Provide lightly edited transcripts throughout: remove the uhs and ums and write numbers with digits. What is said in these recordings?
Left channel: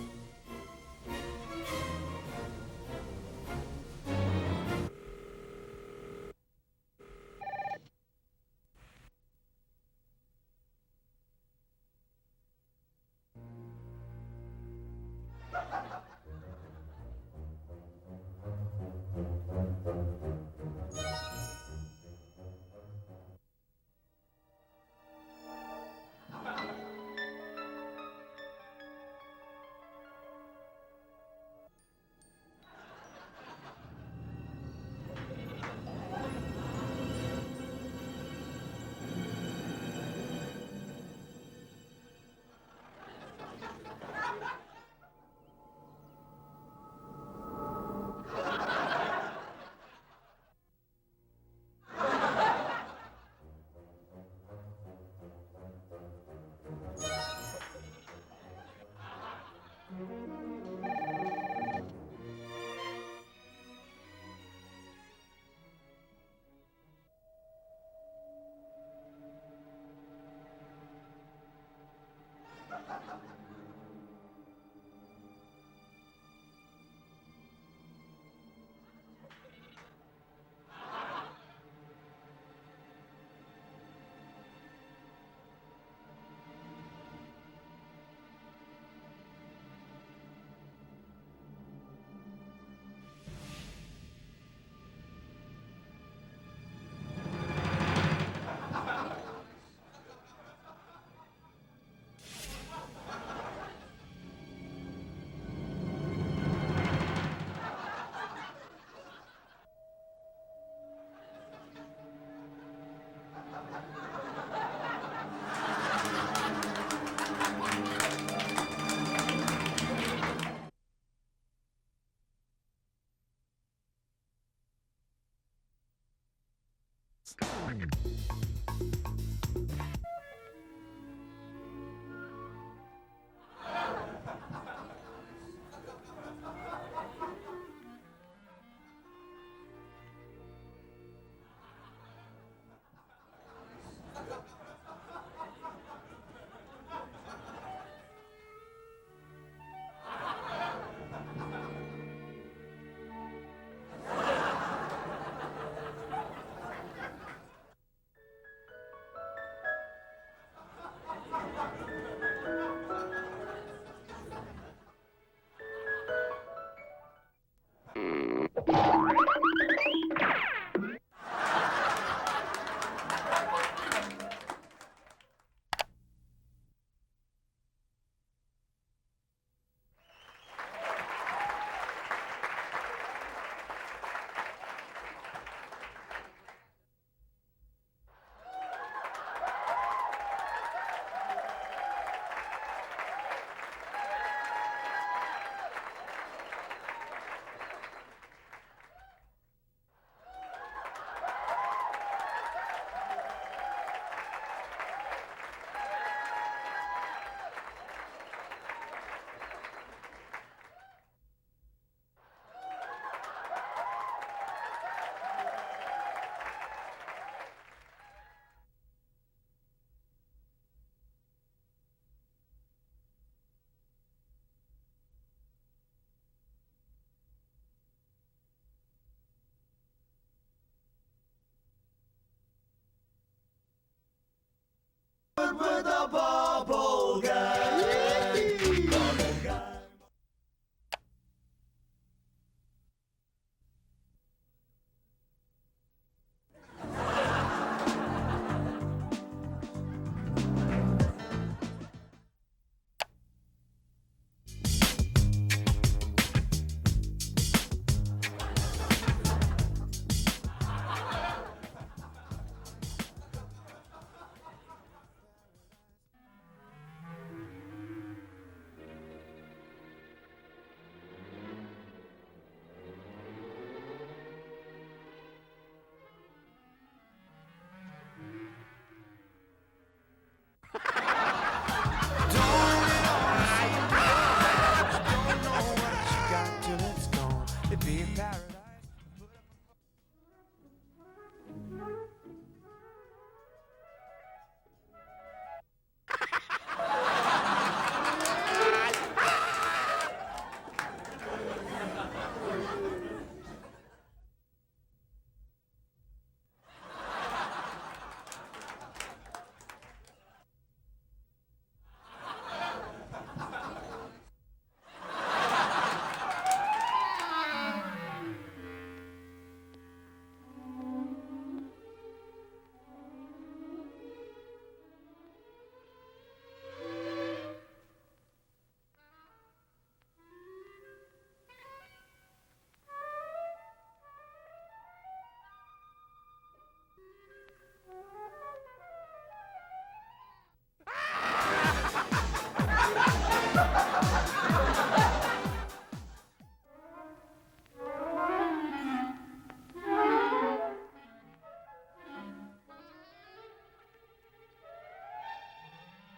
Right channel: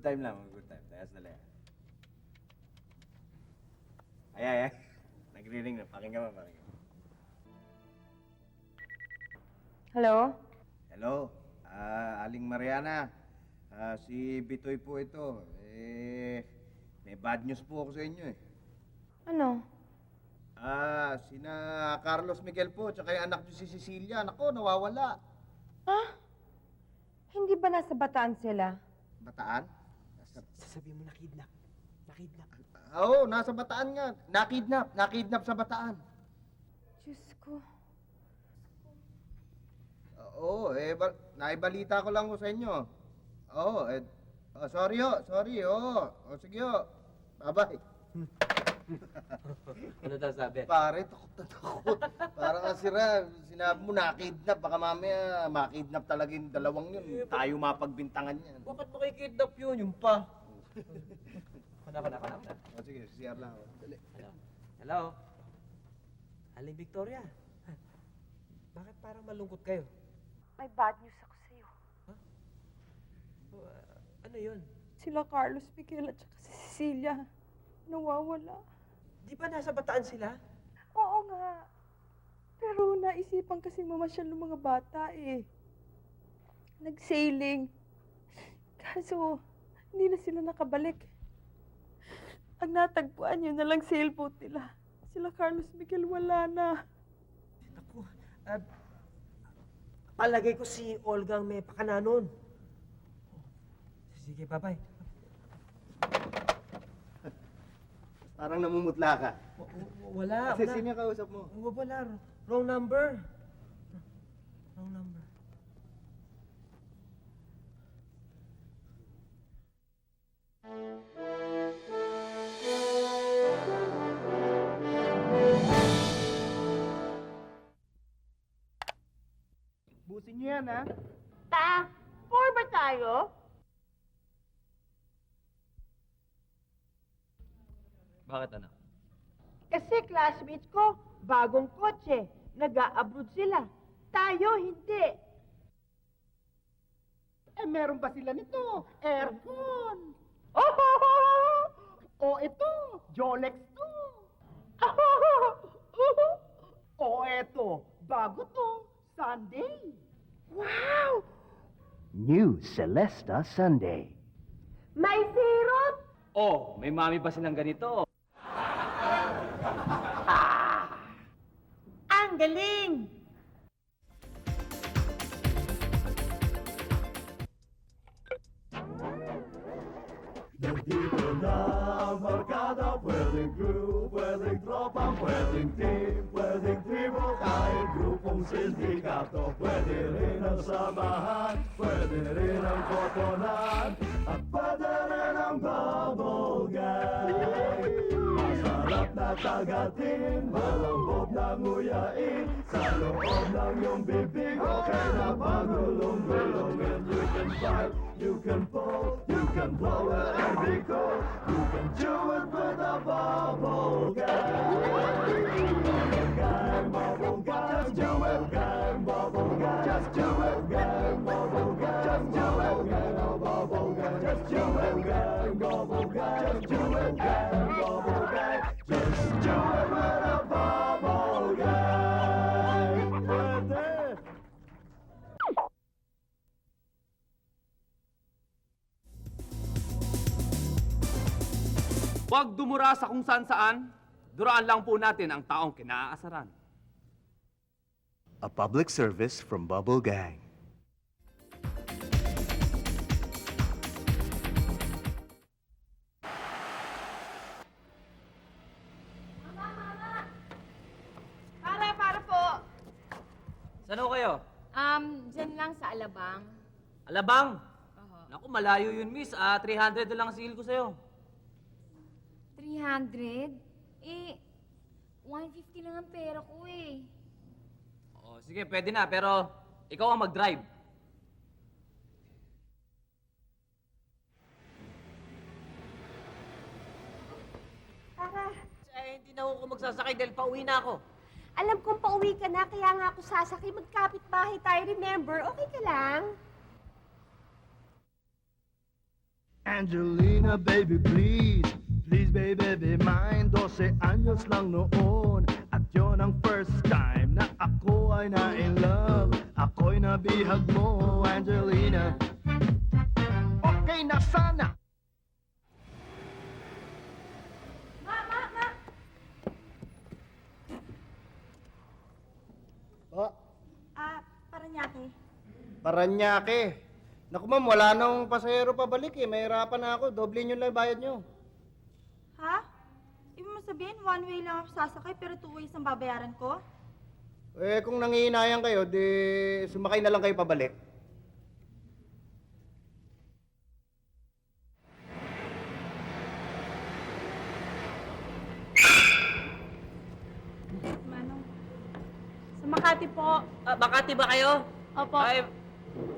Good time lang. Yeah. Nagre-ring na. Pakinggan mo. Hello? Hello, Aling Mariana. Si Bitoy po ito. May bad news po ako sa inyo eh. Ano? Sina Carlos Miguel po, tsaka yung anak niyo si Cecilia. Nako, nawawala. Ha? Hindi ba nasa Bataan sila? Bataan? Sasabihin mo nakidnap. Nakidnap. Oo, nasa Bataan nga. Nakidnap sa Bataan. Oo, naibalita ko lang ko sa inyo. Oo, sorry. Sige ho. Aba, Ano daw sabi? pare, takot. Parang nasira, sinabi mo nakidnap. Baka mamaya makidnap talaga yung dalawang yun. Tayo mapagbintangan niya. Bakit mo kay kidnap yun? Yung pa. Dapat. Siya lang. Hello? Aling Victoria? Bakit parang malungkot kayo? May bad news ako sa'yo. Ano yun? Sila Carlos Miguel at saka si Cecilia. Nawawala. Di ba nasa Bataan sila? Oo nga. Pero naisipan kasi mamasyal ng mga bata eh. Nag-sailing. Kaso, hindi na sila nakabalik. Ang natagpuan yun na lang sailboat nila. Sila Carlos Miguel wala na. Palagay ko si Olga ang may pakana nun. Sige, bye-bye. Parang namumutla ka. Wala. Kasi sino yung kausap mo? Wala. Wrong number. Buti niya yan, ha? Score ba tayo? Bakit ano? Kasi classmates ko, bagong kotse. Nag-a-abroad sila. Tayo, hindi. Meron pa sila nito, aircon. Ito, Jolex to. Ito, bago to, Sunday. Wow! New Celesta Sunday. May sirot! Oh, may mami ba silang ganito? Ang galing! Huwag dumura sa kung saan-saan. Duraan lang po natin ang taong kinaasaran. A public service from Bubble Gang. Para po. Saan ho kayo? Dyan lang sa Alabang. Alabang? Naku, malayo yun, miss. 300 na lang ang singil ko sa'yo. 300? 150 lang ang pera ko eh. Sige, pwede na, pero ikaw ang mag-drive. Hindi na ako magsasakay dahil pauwi na ako. Alam kong pauwi ka na, kaya nga ako sasakay. Magkapit bahay tayo, remember? Okay ka lang? Angelina, baby, please. Di David, di mine, 12 anyos lang noon. At yun ang first time na ako ay na-in love. Ako'y nabihag mo, Angelina. Okay na sana. Oh, Paranaque. Paranaque. Naku ma'am, wala nang pasahero pabalik eh. Mahirapan na ako. Doble nyo lang bayad nyo. Ha? Ibig mo sabihin, one way lang ako sasakay pero two ways ang babayaran ko? Eh, kung nangihinayang kayo, di sumakay na lang kayo pabalik. Manong. Sa Makati po. Makati ba kayo? Opo. Ay,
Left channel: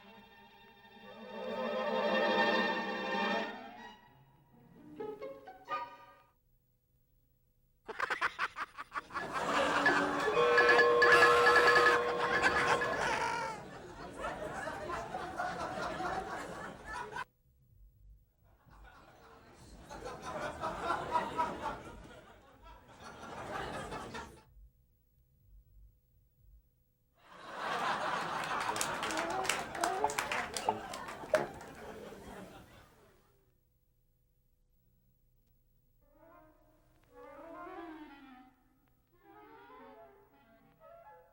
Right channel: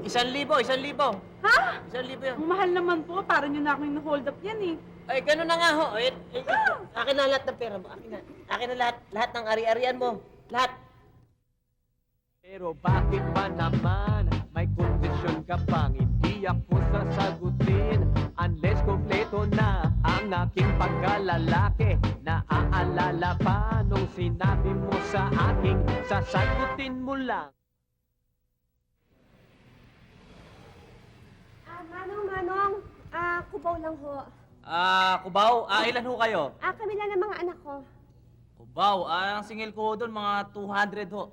1,000, 1,000. Ha? 1,000. Mahal naman po. Para nyo na akong hold up yan eh. Ay, gano'n na nga ho. Akin na lahat ng pera mo. Akin na lahat ng ari-arian mo. Lahat. Bakit ba naman may kondisyon ka pa? Hindi ako sasagutin unless kompleto na ang ating pagkalalaki. Naaalala pa nung sinabi mo sa akin, sasagutin mo lang. Manong. Kubaw lang ho. Cubao. Ilan ho kayo? Kami lang ng mga anak ko. Cubao. Ang singil ko doon, mga 200 ho.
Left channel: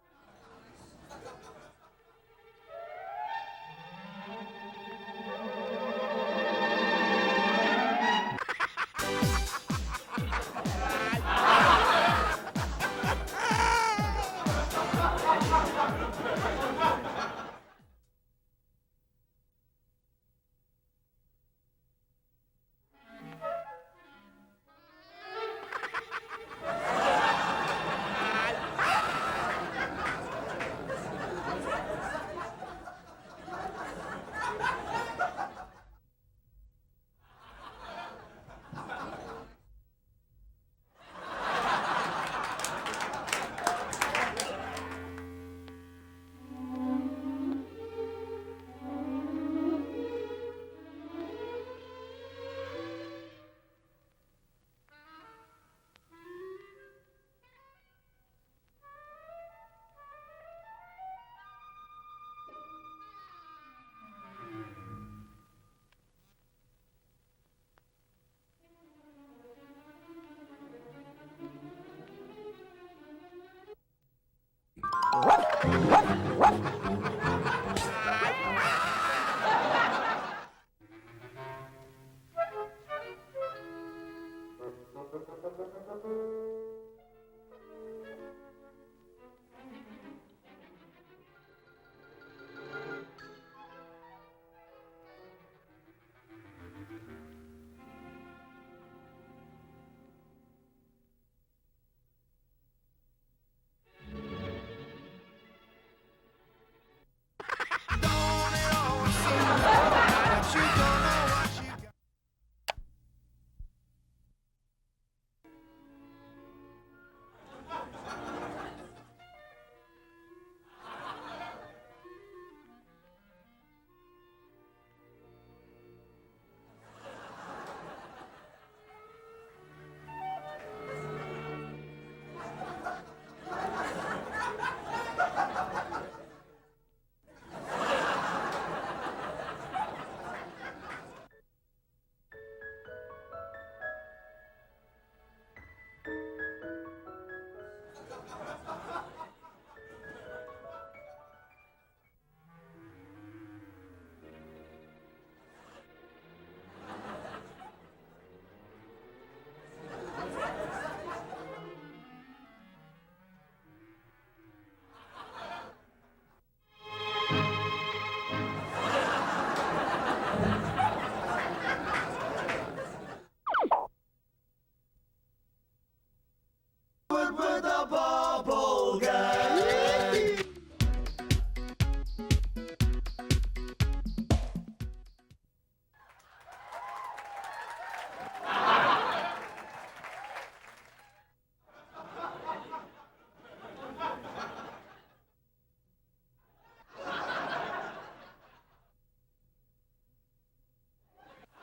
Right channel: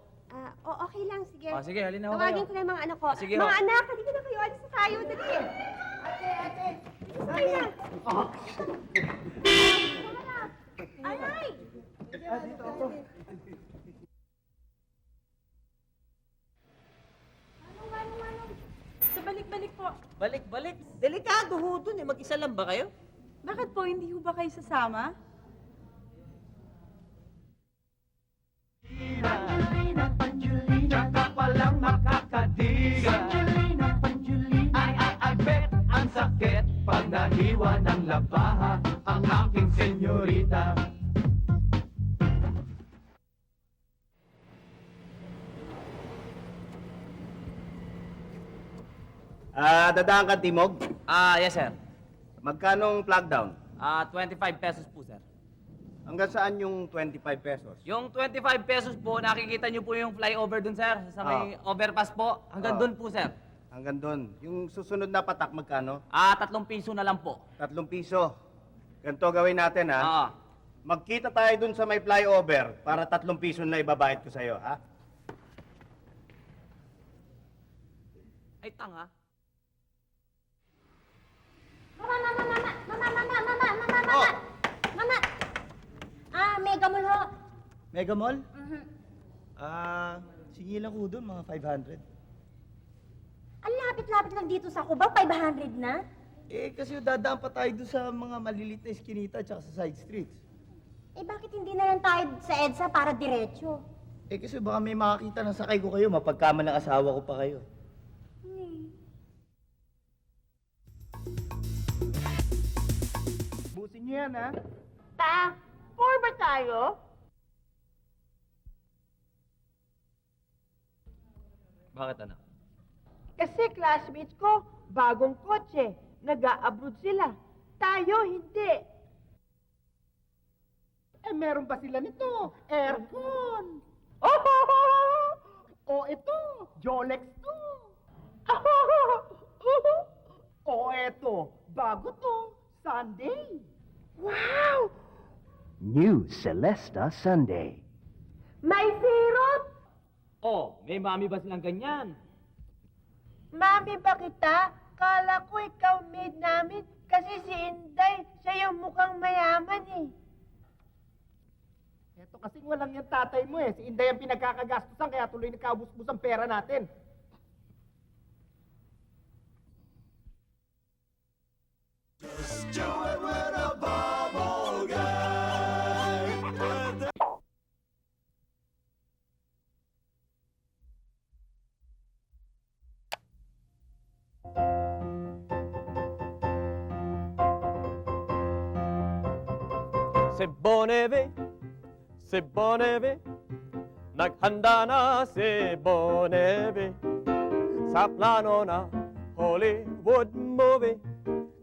Okay lang, sige. Sige, halina ho kayo. Tawagin ko na yung mga anak ko. Sige ho. Mga anak, halika na kayo. Alis na tayo. Dali. Sa balik-balik po. Balik. Delikado ho doon eh. Mag-isa lang ba kayo? Bakit po hindi ho ba kayo sasama? I bet ang sakit pag nahiwa ng labaha ang aking senyorita. Dadaan ka Timog. Yes sir. Magkanong flag down? 25 pesos po sir. Hanggang saan yung 25 pesos? Yung 25 pesos po, nakikita niyo po yung flyover dun sir. Sa may overpass po. Hanggang dun po sir. Hanggang doon. Yung susunod na patak, magkano? 3 piso na lang po. 3 piso. Ganito gawin natin, ha? Oo. Magkita tayo dun sa may flyover para 3 piso na ibabayad ko sa'yo, ha? Mega Mall ho. Mega Mall? Mhm. Sige lang ko doon, mga 500. Ang lapit-lapit lang dito sa Cubao, 500 na. Eh, kasi dadaan pa tayo doon sa mga maliliit na eskinita at sa side streets. Bakit hindi na lang tayo sa EDSA para diretso? Eh, kasi baka may makakita ng sakay ko kayo, mapagkaman ng asawa ko pa kayo. Busin niyo yan, ha? Four ba tayo? Bakit ano? Kasi classmates ko, bagong kotse. Nag-a-abroad sila. Tayo, hindi. Ay, meron ba sila nito? Aircon. Oh, ito. Jolex. Oh, eto. Bago to. Sunday. Wow! New Celesta Sunday. May sirop! May mami ba silang ganyan? Mami ba kita? Kala ko ikaw maid namin kasi si Inday, siya yung mukhang mayaman eh. Ito kasi walang yung tatay mo eh. Si Inday ang pinagkakagastusan kaya tuloy nakaubos-bus ang pera natin. Si Boneve, naghanda na si Boneve sa plano na Hollywood movie.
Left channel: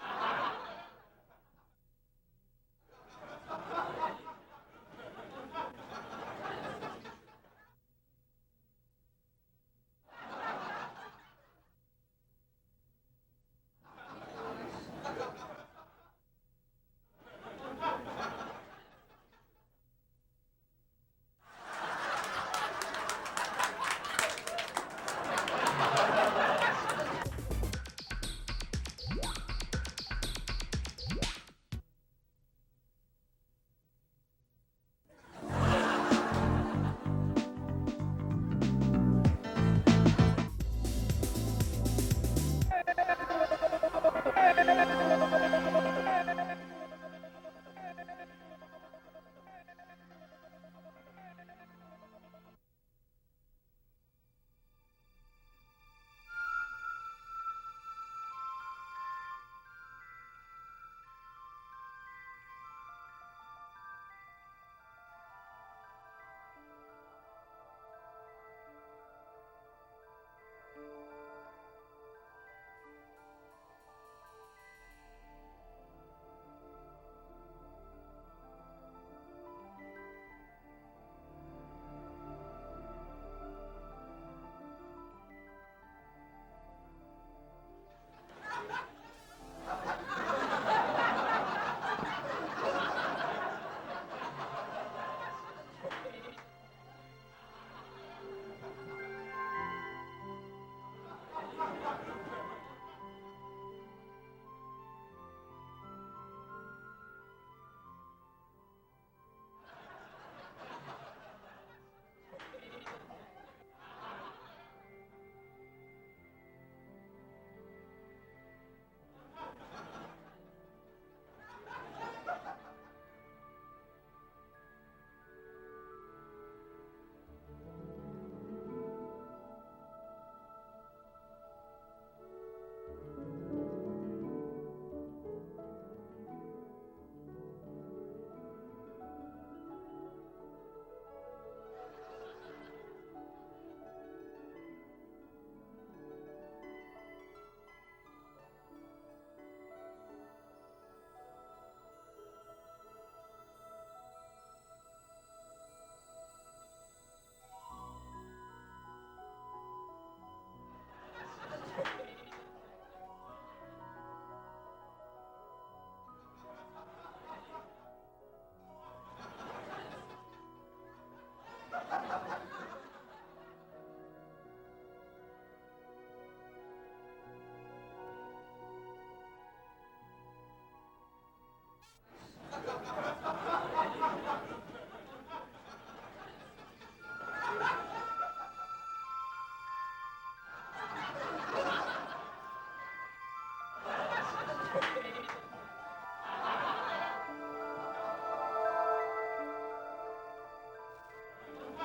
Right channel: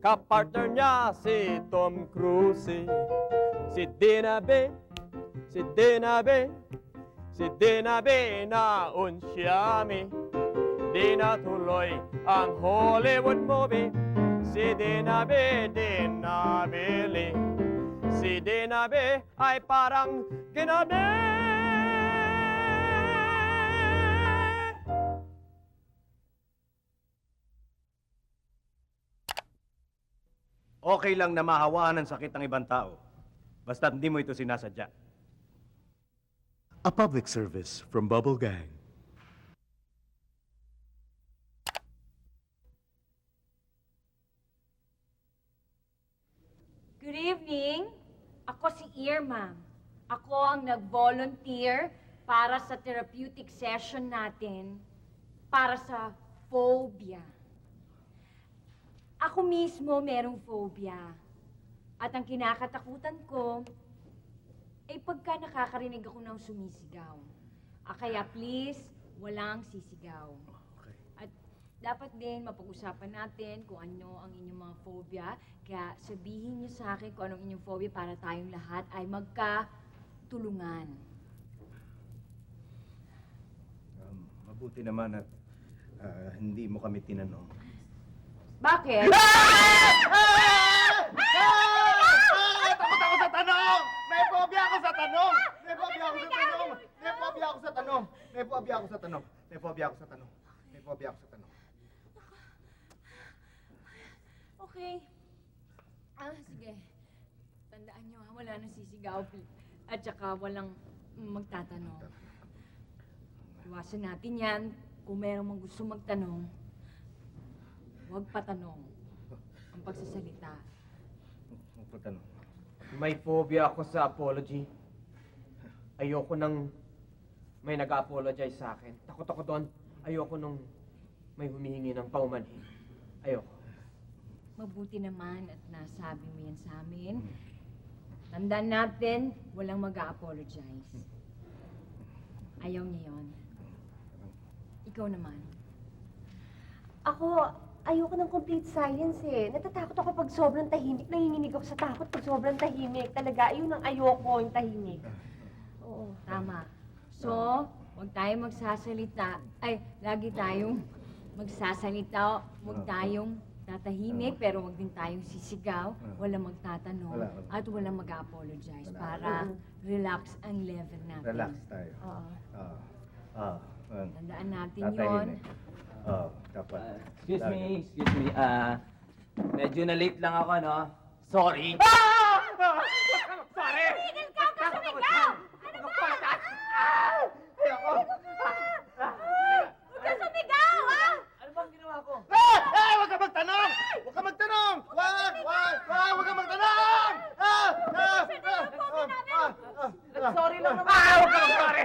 Kapartner niya si Tom Cruise. Si Dinabe, si Dinabe, si Dinabe na unsyami. Di natuloy ang Hollywood movie. Si Dinabe, dinabili. Si Dinabe ay parang ginabi. Okay lang na mahawaan ng sakit ng ibang tao. Basta hindi mo ito sinasadya. A public service from Bubble Gang. Good evening. Ako si Irma. Ako ang nag-volunteer para sa therapeutic session natin para sa phobia. Ako mismo merong phobia. At ang kinakatakutan ko ay pagka nakakarinig ako ng sumisigaw. Kaya please, walang sisigaw. At dapat din mapag-usapan natin kung ano ang inyong mga phobia. Kaya sabihin niyo sa akin kung anong inyong phobia para tayong lahat ay magkatulungan. Mabuti naman at hindi mo kami tinanong. Bakit? May phobia ako sa tanong! May phobia ako sa tanong! May phobia ako sa tanong! May phobia ako sa tanong! May phobia ako sa tanong! May phobia ako sa tanong! Okay. Sige. Tandaan niyo wala nang sisigaw. At saka walang magtatanong. Iwasan natin yan. Kung mayroong mang gusto magtanong, huwag patanong. Ang pagsasalita. May phobia ako sa apology. Ayoko nang may nag-apologize sa akin. Takot ako doon. Ayoko nung may humihingi ng paumanhin. Ayoko. Mabuti naman at nasabi mo yan sa amin. Tandaan natin, walang mag-a-apologize. Ayaw niyo yun. Ikaw naman. Ako, ayoko ng complete silence eh. Natatakot ako pag sobrang tahimik. Nanginginig ako sa takot pag sobrang tahimik. Talaga, ayun ang ayoko, yung tahimik. Oo, tama. So, huwag tayong magsasalita. Ay, lagi tayong magsasalita. Huwag tayong tatahimik, pero huwag din tayong sisigaw. Walang magtatanong. At walang mag-apologize para relax ang level natin. Relax tayo. Tandaan natin yon. Tatahimik. Kapag. Excuse me. Medyo na-late lang ako, no? Sorry. Huwag ka magtanong! Huwag ka magtanong! Huwag ka magtanong! Sorry lang naman. Huwag ka mag-sorry!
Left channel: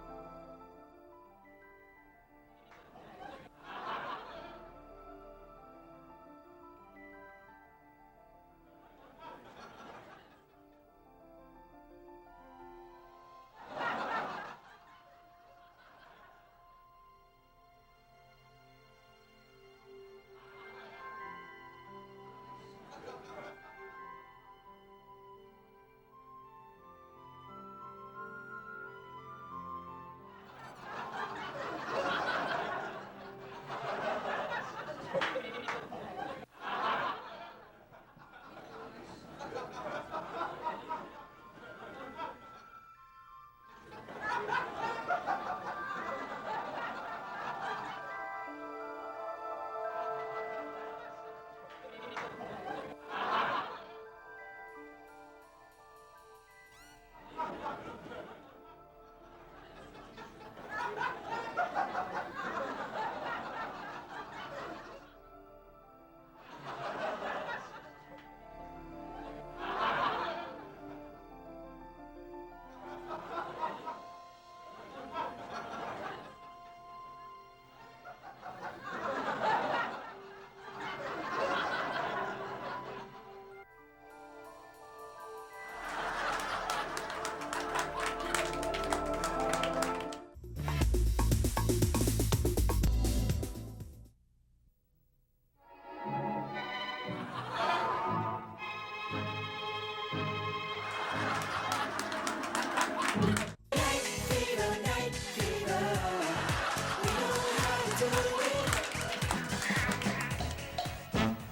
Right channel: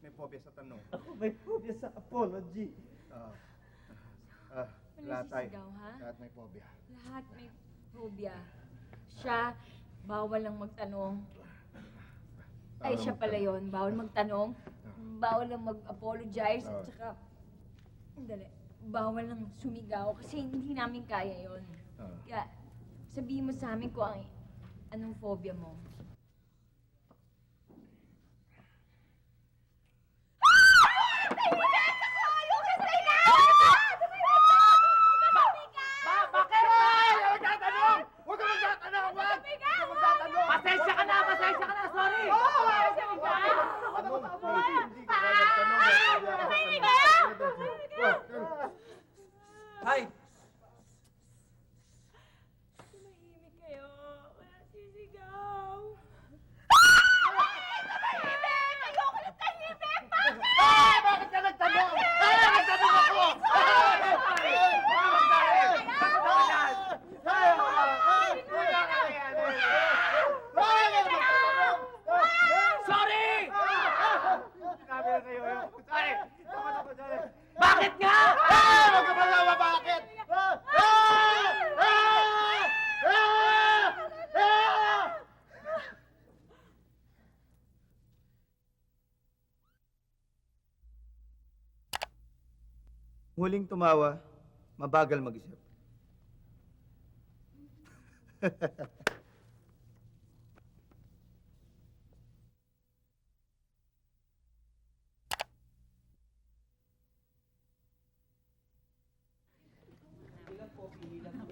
May phobia sa tanong. May phobia sa apology. Lahat tayo. Sisigaw, ha? Lahat may phobia. Lahat may phobia. Siya, bawal lang magtanong. Ay, siya pala yun. Bawal magtanong. Bawal lang mag-apologize. At saka, sandali, bawal lang sumigaw. Kasi hindi namin kaya yun. Kaya, sabihin mo sa amin kung anong phobia mo. Hi! Bakit nga? Huwag ka malawa, bakit? huling tumawa, mabagal mag-isip.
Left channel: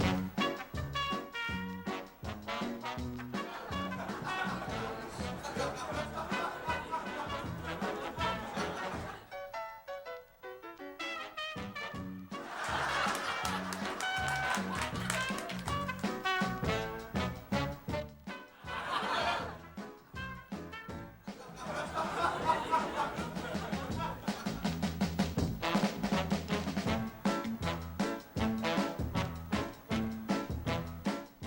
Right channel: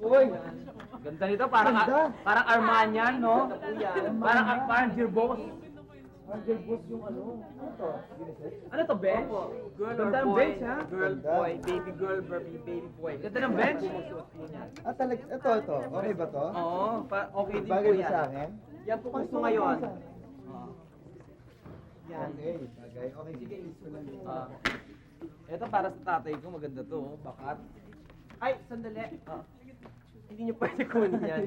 Uy, ganda nito. Parang Armanian, no? Parang ang fans your boss. Ano to, Ben? Ganda ng bench, ha? Girl, boy, baby girl, ganda ng bench. Ito. Okay ba ito? Oo, okay. Bagay ba sa akin? Yan po ito ngayon. Ito para sa tatay ko. Ganda ko. At, ay, hindi pa cool yan.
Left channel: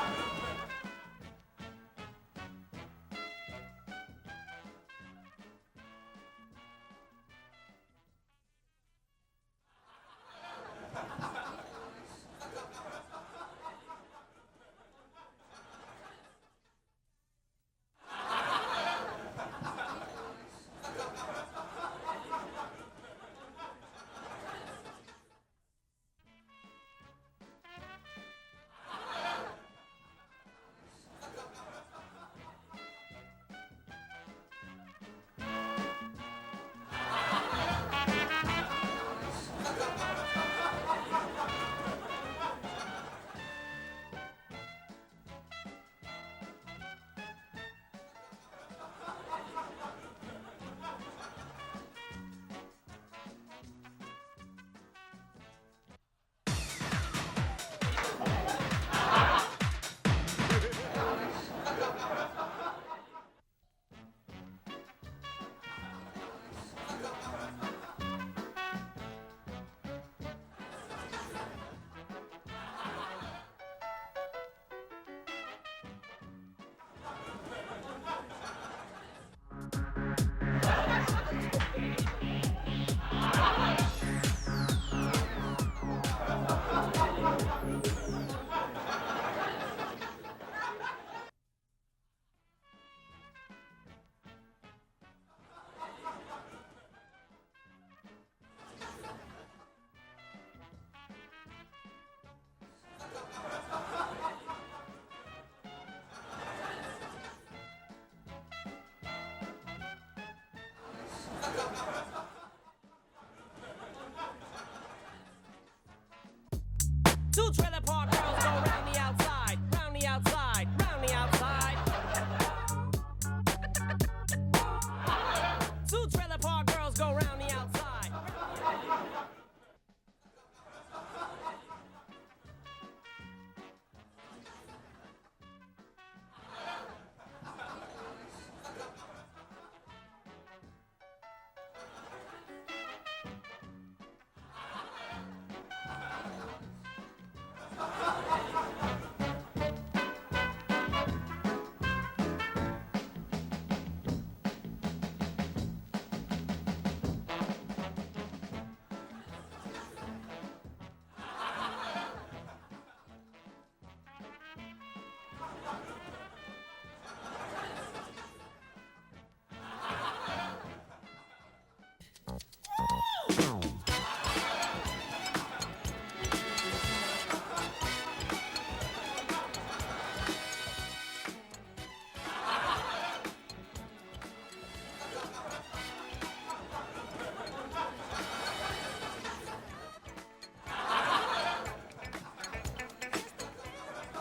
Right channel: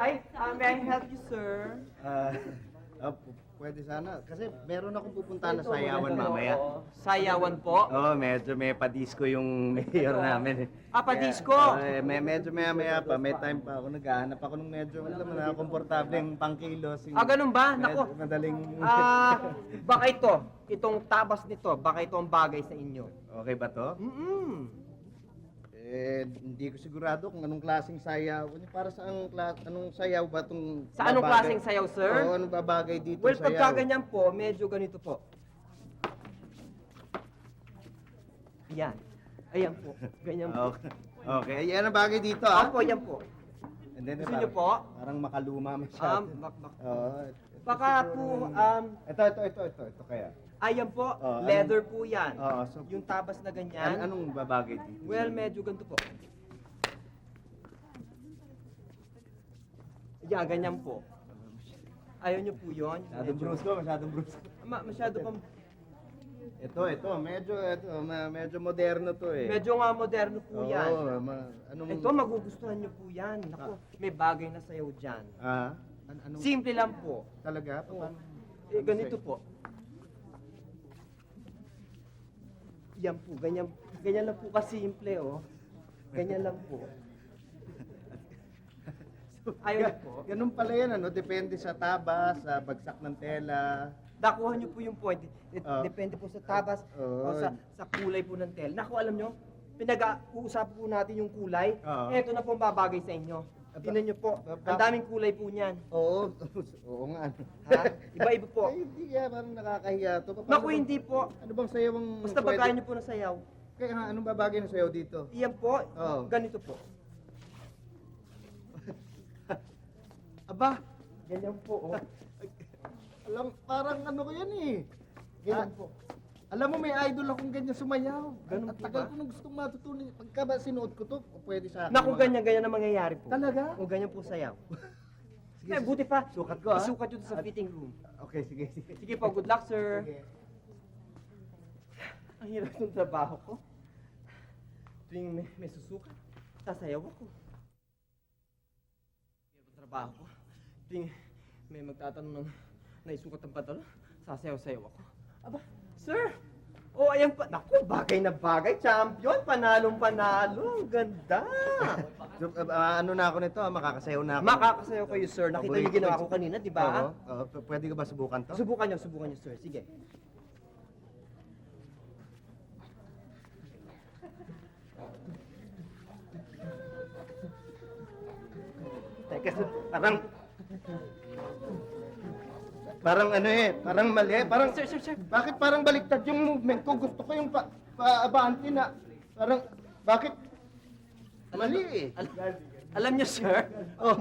Ay, may I help you, sir? Pwede sana. Kasi meron akong pupunta na sayawan mamaya. Sayawan po? Oo, medyo may padisco yung mayor namin. Disco? Medyo maya pa, may time pa ako. Naghahanap ako ng medyo, alam mo na, komportableng pangkilos. Ganun ba? Nako. Madaling... Baka itong tabas nito, baka ito ang bagay sa inyo. Okay ba to? Hindi ko sigurado kung anong klaseng sayaw. Para sa anong sayaw ba itong... Sa anong klaseng sayaw, sir? Oo, anong babagay dito Well, sayaw? pagka ganyan po, medyo ganito po. Yan. Ayan. Ganyan po. Okay, yan ang bagay dito, Opo, yan po. And then, Gusto niyo po? Parang makaluma masyado. Oo. Baka po, Ito kaya. ayan po, Oh, leather po yan. Oo, so, Yung tapas na ganyan. anong babagay dito? Well, medyo ganito po. Yan, ganyan po. Ayaw niyo po yun? Masyadong bruce ko, masyadong bruce. Masyado pong... Medyo moderno to eh. Medyo nga moderno po yan. Anong... Ito, magugustuhan niyo po yan. Naku, may bagay na sayaw dyan. Anong... Simple lang po. Talaga? Ganito po. Yan po, ganyan. Ganyan lang po kasimple. Ganyan lang po. Ayun po. Ganun pala yan, ano? Depende sa taba, sa bagsak ng tela. Nakuha niyo po yung point. Depende po sa tabas o Oo. sa kulay po ng tela. Naku, alam niyo, pinag-uusapan po natin yung kulay. Oo. Ito na po ang babagay sa inyo. Tingnan niyo po, ang daming kulay po niyan. Oo. Oo nga. Ha? Iba-iba po. Hindi yan, ano nakakahiya to. Naku, hindi po. Anong sayaw ang... Basta pagkain niyo po ng sayaw. Kaya nga, anong babagay ng sayaw dito? Iyan po, Oo. ganito po. Two trailer park girls go round the outside, round the outside, Aba. round the outside. Alam, parang ano ko yan eh. Two trailer park Alam mo, may girls go idol round ako the ganyan outside. sumayaw. Tagal ko gustong matutunan. Pagka ba sinuot ko to, pwede sa akin. Naku, ganyan ang mangyayari po. Talaga? Kung ganyan po sayaw. Eh, buti pa. Sukat ko, ha? Isukat yun sa fitting in. Okay, sige. Sige po, good luck, sir. Ang hirap ng trabaho ko. Yung nasusuot, sasayaw ako. May susunod pa doon. Sasayaw-sayaw. Sir! Oh, ayan pa. Ako, bagay na bagay. Champion. Panalong-panalo. Ang ganda. Ano na ako nito, makakasayaw na ako. Makakasayaw kayo, sir. Nakita niyo ginawa ko kanina, di ba? Oo. Oo. Pwede ko ba subukan to? Subukan niyo, sir. Sige. Parang ano eh, parang mali. Parang, Sir. bakit parang baliktad yung movement ko? Gusto ko yung paabante na. Parang, bakit? Mali eh. Alam niyo, sir? Oh,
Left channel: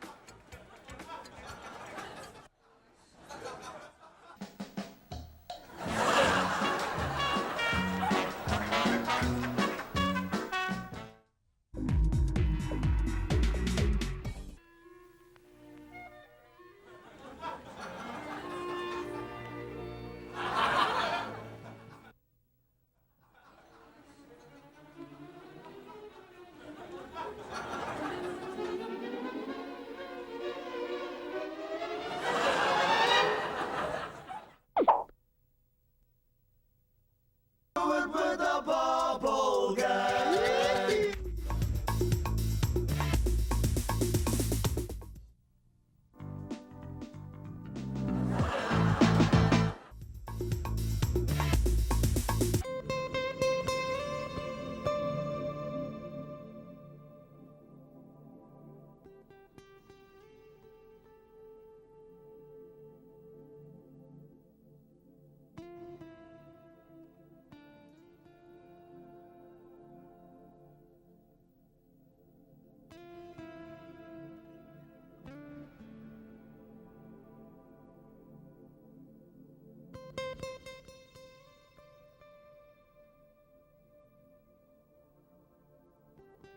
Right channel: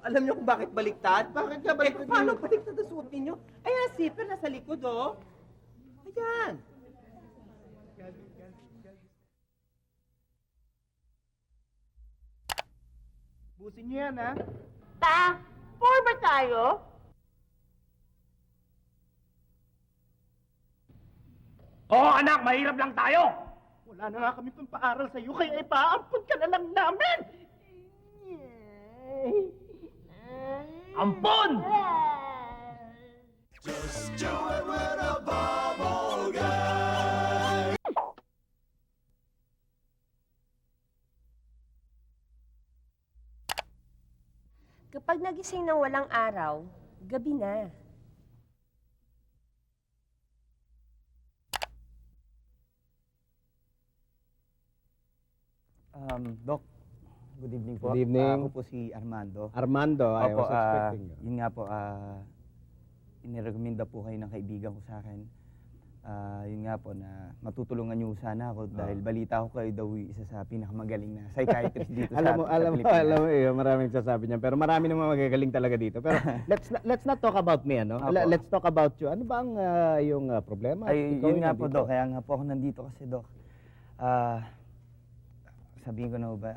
Alam niyo kung bakit baliktad? bakit ka baliktad? Paano baliktad ang suot ninyo? Ayan, zipper nasa likod, oh. Yan ah. Ta, four ba tayo? Oo, anak, mahirap lang tayo. Wala na nga kami pang paaral sa'yo, kaya ipaampun ka na lang namin. Ampon! Kapag nagising ng walang araw, gabi na. Good evening po. Good evening. Ako po si Armando. Armando, I Opo, was expecting you. yun nga po, inirekomenda po kayo ng kaibigan ko sa akin. Yun nga po na matutulungan niyo sana ako dahil balita ko kayo daw yung isa sa pinakamagaling na psychiatrist dito sa Pilipinas. alam mo, maraming sasabi niyan, pero marami namang magagaling talaga dito. Pero let's not talk about me, ano? Opo. Let's talk about you. Ano ba ang yung problema? Ay, Ikaw yun yung nga po, nandito. Dok. Kaya nga po ako nandito kasi, Dok. Sabihin ko na ba?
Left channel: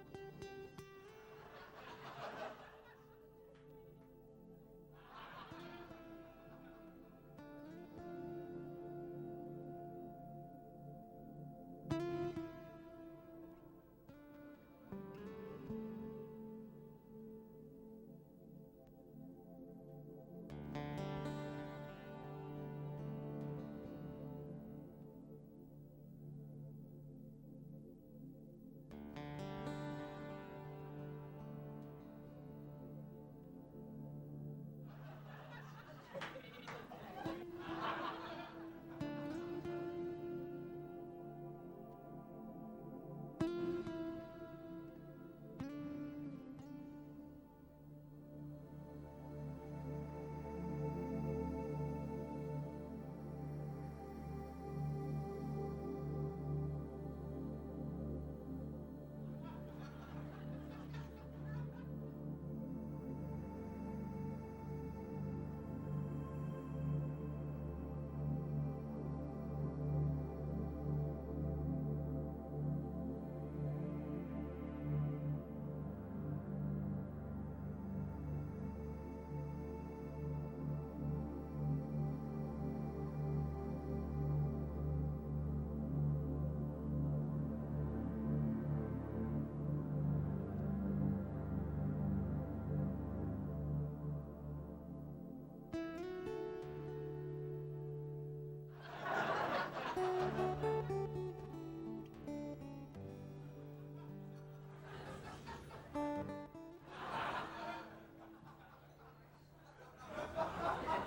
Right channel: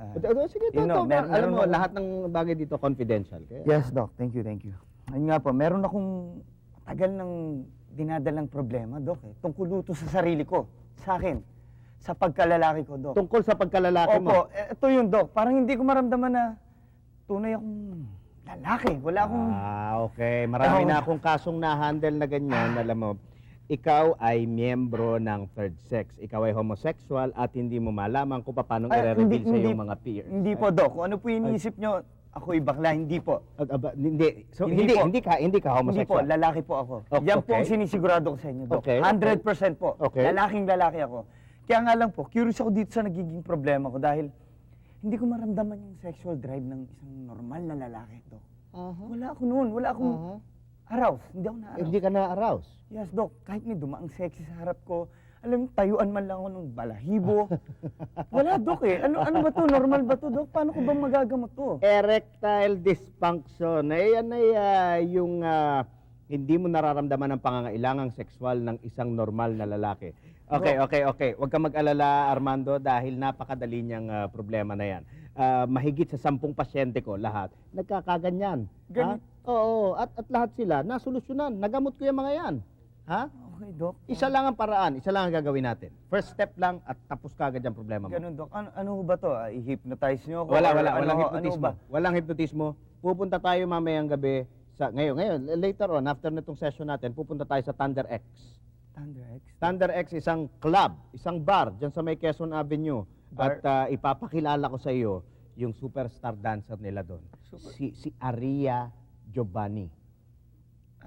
Sige, yun, no, alam mo, akong- lahat ng bagay dito confidential. Kaya, Yes, Doc. Thank you, thank you. Ayun nga po, meron akong tagal ng dinadalang problema, Doc. Tungkol ito sa sarili ko, sa akin, sa pagkalalaki ko, Doc. tungkol sa pagkalalaki mo. Opo, ito yun, Doc. Parang hindi ko maramdaman na tunay akong lalaki. Wala akong... Okay. Marami Oo. na akong kasong na-handle na ganyan. Alam mo, ikaw ay miyembro ng third sex. Ikaw ay homosexual at hindi mo malaman kung paano Ay, i-reveal sa hindi- iyong mga peers. Hindi po, Doc. Kung ano po iniisip nyo, ako'y bakla. Hindi po. Hindi. So, Hindi po. hindi ka Hindi po, homosexual. lalaki po ako. Okay. Yan po ang sinisigurado ko sa inyo, Doc. Okay. 100% po. Okay. Lalaking lalaki ako. Kaya nga lang po, curious ako dito sa nagiging problema ko dahil hindi ko maramdaman yung sexual drive ng isang normal na lalaki to. Wala ako noon. Wala akong arouse. Hindi ako na-arouse. Hindi ka na-arouse. Yes, Doc. Kahit may dumaang sexy sa harap ko, alam mo, tayuan man lang ako ng balahibo. Wala, Doc eh. Ano ba to? Normal ba to, Doc? Paano ko bang magagamot to? Erectile dysfunction. Yan ay yung hindi mo nararamdaman ang pangangailangang sexual ng isang normal na lalaki. Okay. Huwag ka mag-alala, Armando, dahil napakadali niyang problema na yan. Mahigit sa 10 pasyente ko, lahat, nagkakaganyan. Ganun? Ha? Oo, at lahat sila, nasolusyonan. Nagamot ko yung mga yan. Ha? Okay, Doc. Isa lang ang paraan, isa lang ang gagawin natin. First step lang at tapos kagad yung problema mo. Ganun, Doc. Ano ba to? I-hypnotize nyo ako? Walang Ano hypnotismo. ba? Walang hypnotismo. Pupunta tayo mamayang gabi ngayon, later on, after nitong session natin, pupunta tayo sa Thunder X. Thunder X, isang club, isang bar dyan sa may Quezon Avenue. At ipapakilala ko sa iyo yung superstar dancer nila doon. Si Aria Giovanni.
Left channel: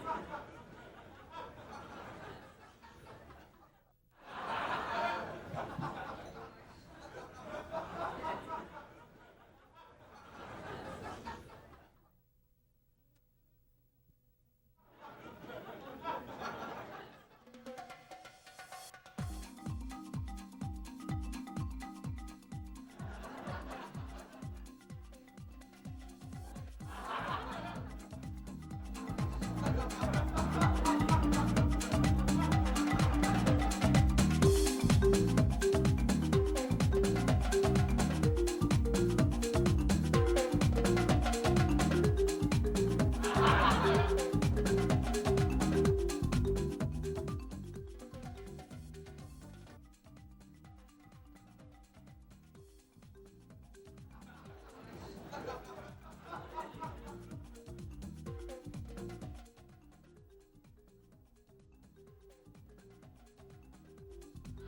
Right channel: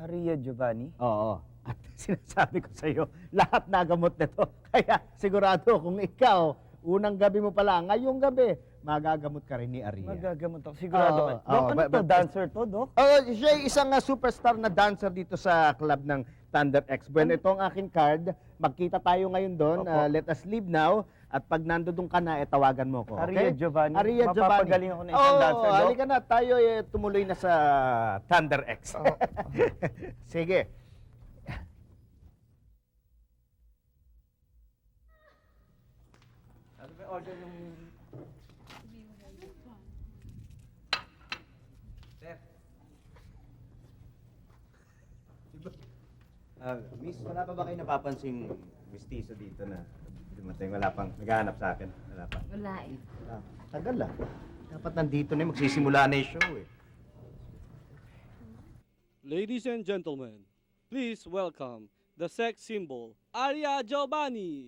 Maria Giovanni? Oo. At sinasabi ko sa iyo, lahat nagamot nito. Kaya sigurado kung ikaw, unang gabi mo pala, ngayong gabi, magagamot ka rin ni Aria. Magagamot ako. Sigurado ka. Oo, Doc, oo, ano to? Dancer to, Doc? Siya ay isang superstar na dancer dito sa club ng Thunder X. Bueno, ito ang aking card. Magkita tayo ngayon doon. Opo. Let us leave now. At pag nandoon ka na, tawagan mo ko. Aria Okay? Giovanni. Aria Giovanni. Mapapagaling ako na isang dancer, Doc. halika na. Tayo tumuloy na sa Thunder X. Sige. Miss, wala pa ba kayo napapansin gustiso dito na dumating? Wala pang naghahanap sa akin? Wala pa. Wala eh. Tagal ah. Dapat nandito na magsisimula na yung show. Ladies and gentlemen, please welcome the sex symbol, Aria Giovanni.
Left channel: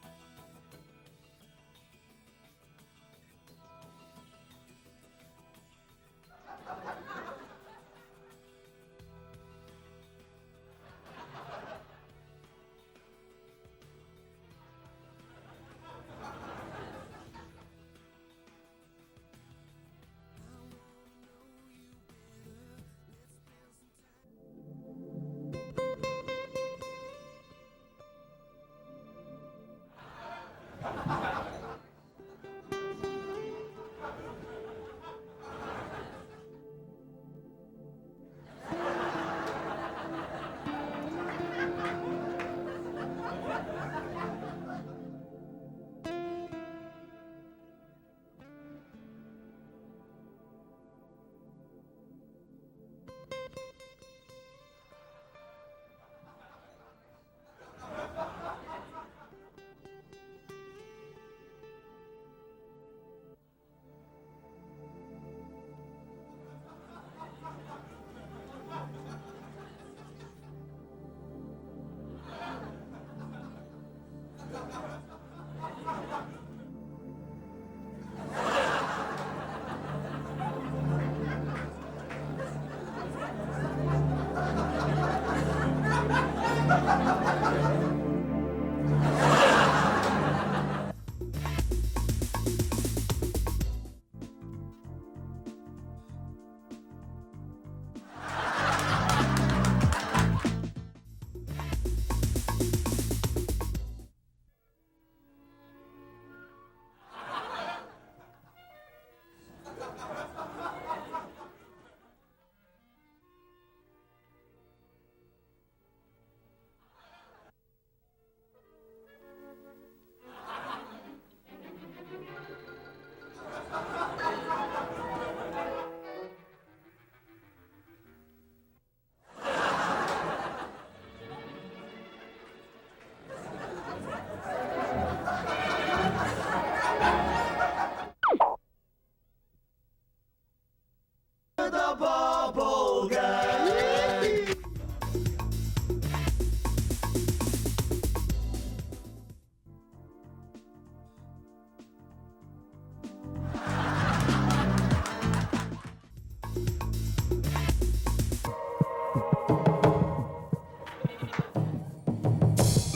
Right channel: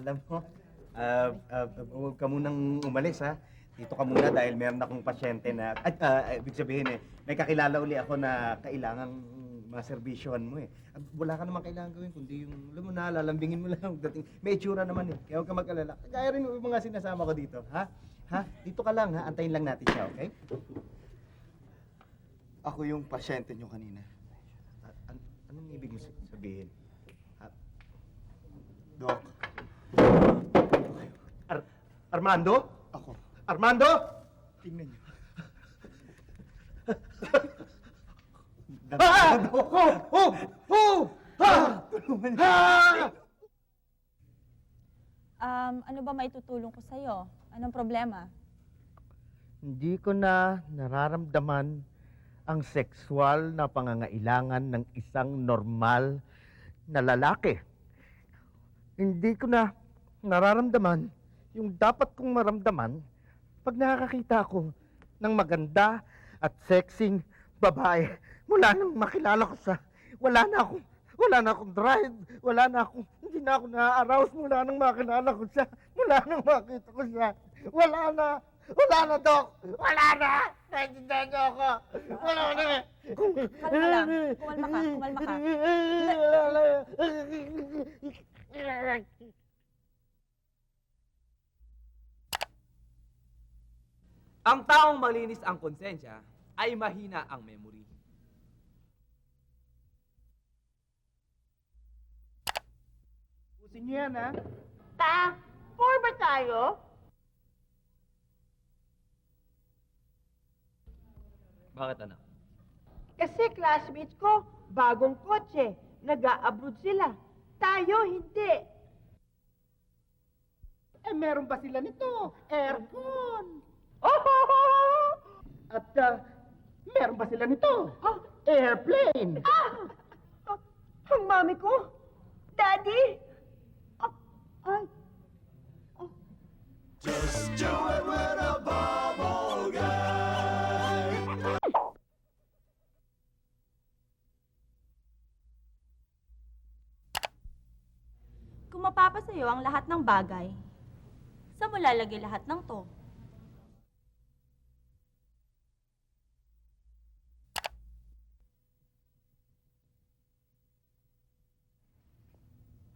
Alam mo, huwag ka munang umalis ha. Dito ka muna dahil meron akong pasyente na, ibig sabihin may kakilala uli ako na kailangang maserbisyohan mo eh. Wala ka naman kailangan gawin, kundi yung, alam mo na, lalambingin mo lang ang dating. May itsura naman eh, kaya huwag ka mag-alala. Kaya rin yung mga sinasama ko dito, ha? Ha? Dito ka lang ha, antayin lang natin siya, okay? Ako yung pasyente nyo kanina. Doc. Armando? Armando? Ano ba may tutulong ko sa'yo? Anong problema? Hindi ko na nararamdaman ang sexual na pangangailangan ng isang normal na lalaki. Hindi ko na nararamdaman yung dapat kong maramdaman pag nakakakita ako ng maganda at sexing babae. Wala nang makilala ko sa... Wala na akong drive. Hindi na ako na-arouse. Wala nang makilala ko siya. Wala nang makita ko siya. Wala na, Dok. Wala na. Explain niyo ako. Wala na. Ang taong malinis ang konsensya ay mahina ang memory. Yan, ha? Four ba tayo? Bakit ano? Kasi classmates ko, bagong kotse. Nag-a-abroad sila. Tayo, hindi. Meron ba sila nito? Aircon! At meron ba sila nito? Airplane! Ang mami ko, Daddy, Kung mapapasayo ang lahat ng bagay, saan mo lalagay lahat ng to?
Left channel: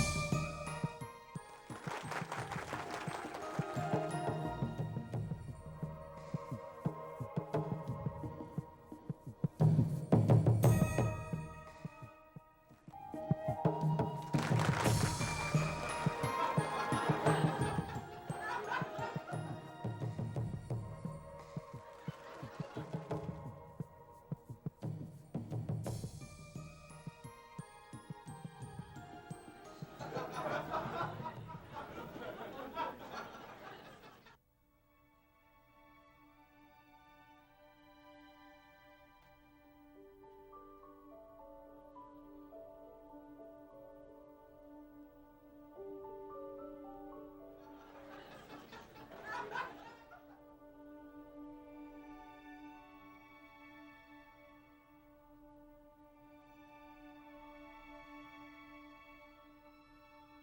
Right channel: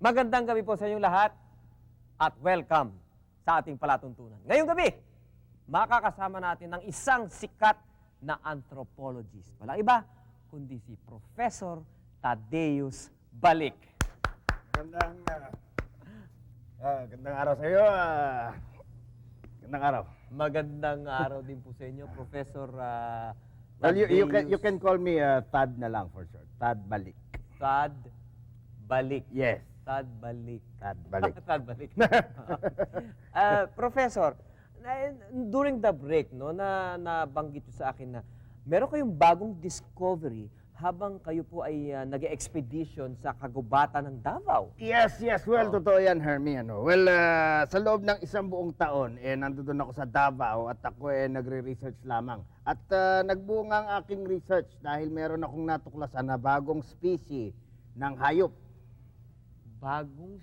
Magandang gabi po sa inyong lahat at welcome sa ating palatuntunan. Ngayong gabi, makakasama natin ng isang sikat na anthropologist. Walang iba, Professor Thaddeus Balik. Magandang araw sa'yo. Magandang araw. Magandang araw din po sa inyo, Professor Well, you can call me Tad na lang for sure. Tad Balik. Tad Balik. Yes. Tad Balik. Tad Balik. Tad Balik. Professor, during the break, no, nabanggit sa akin na meron kayong bagong discovery habang kayo po ay nag-expedition sa kagubatan ng Davao. Yes. Well, totoo yan, Hermie. Well, sa loob ng isang buong taon, nandun ako sa Davao at ako nagre-research lamang. At nagbunga ang aking research dahil meron akong natuklasan na bagong species ng hayop. Bagong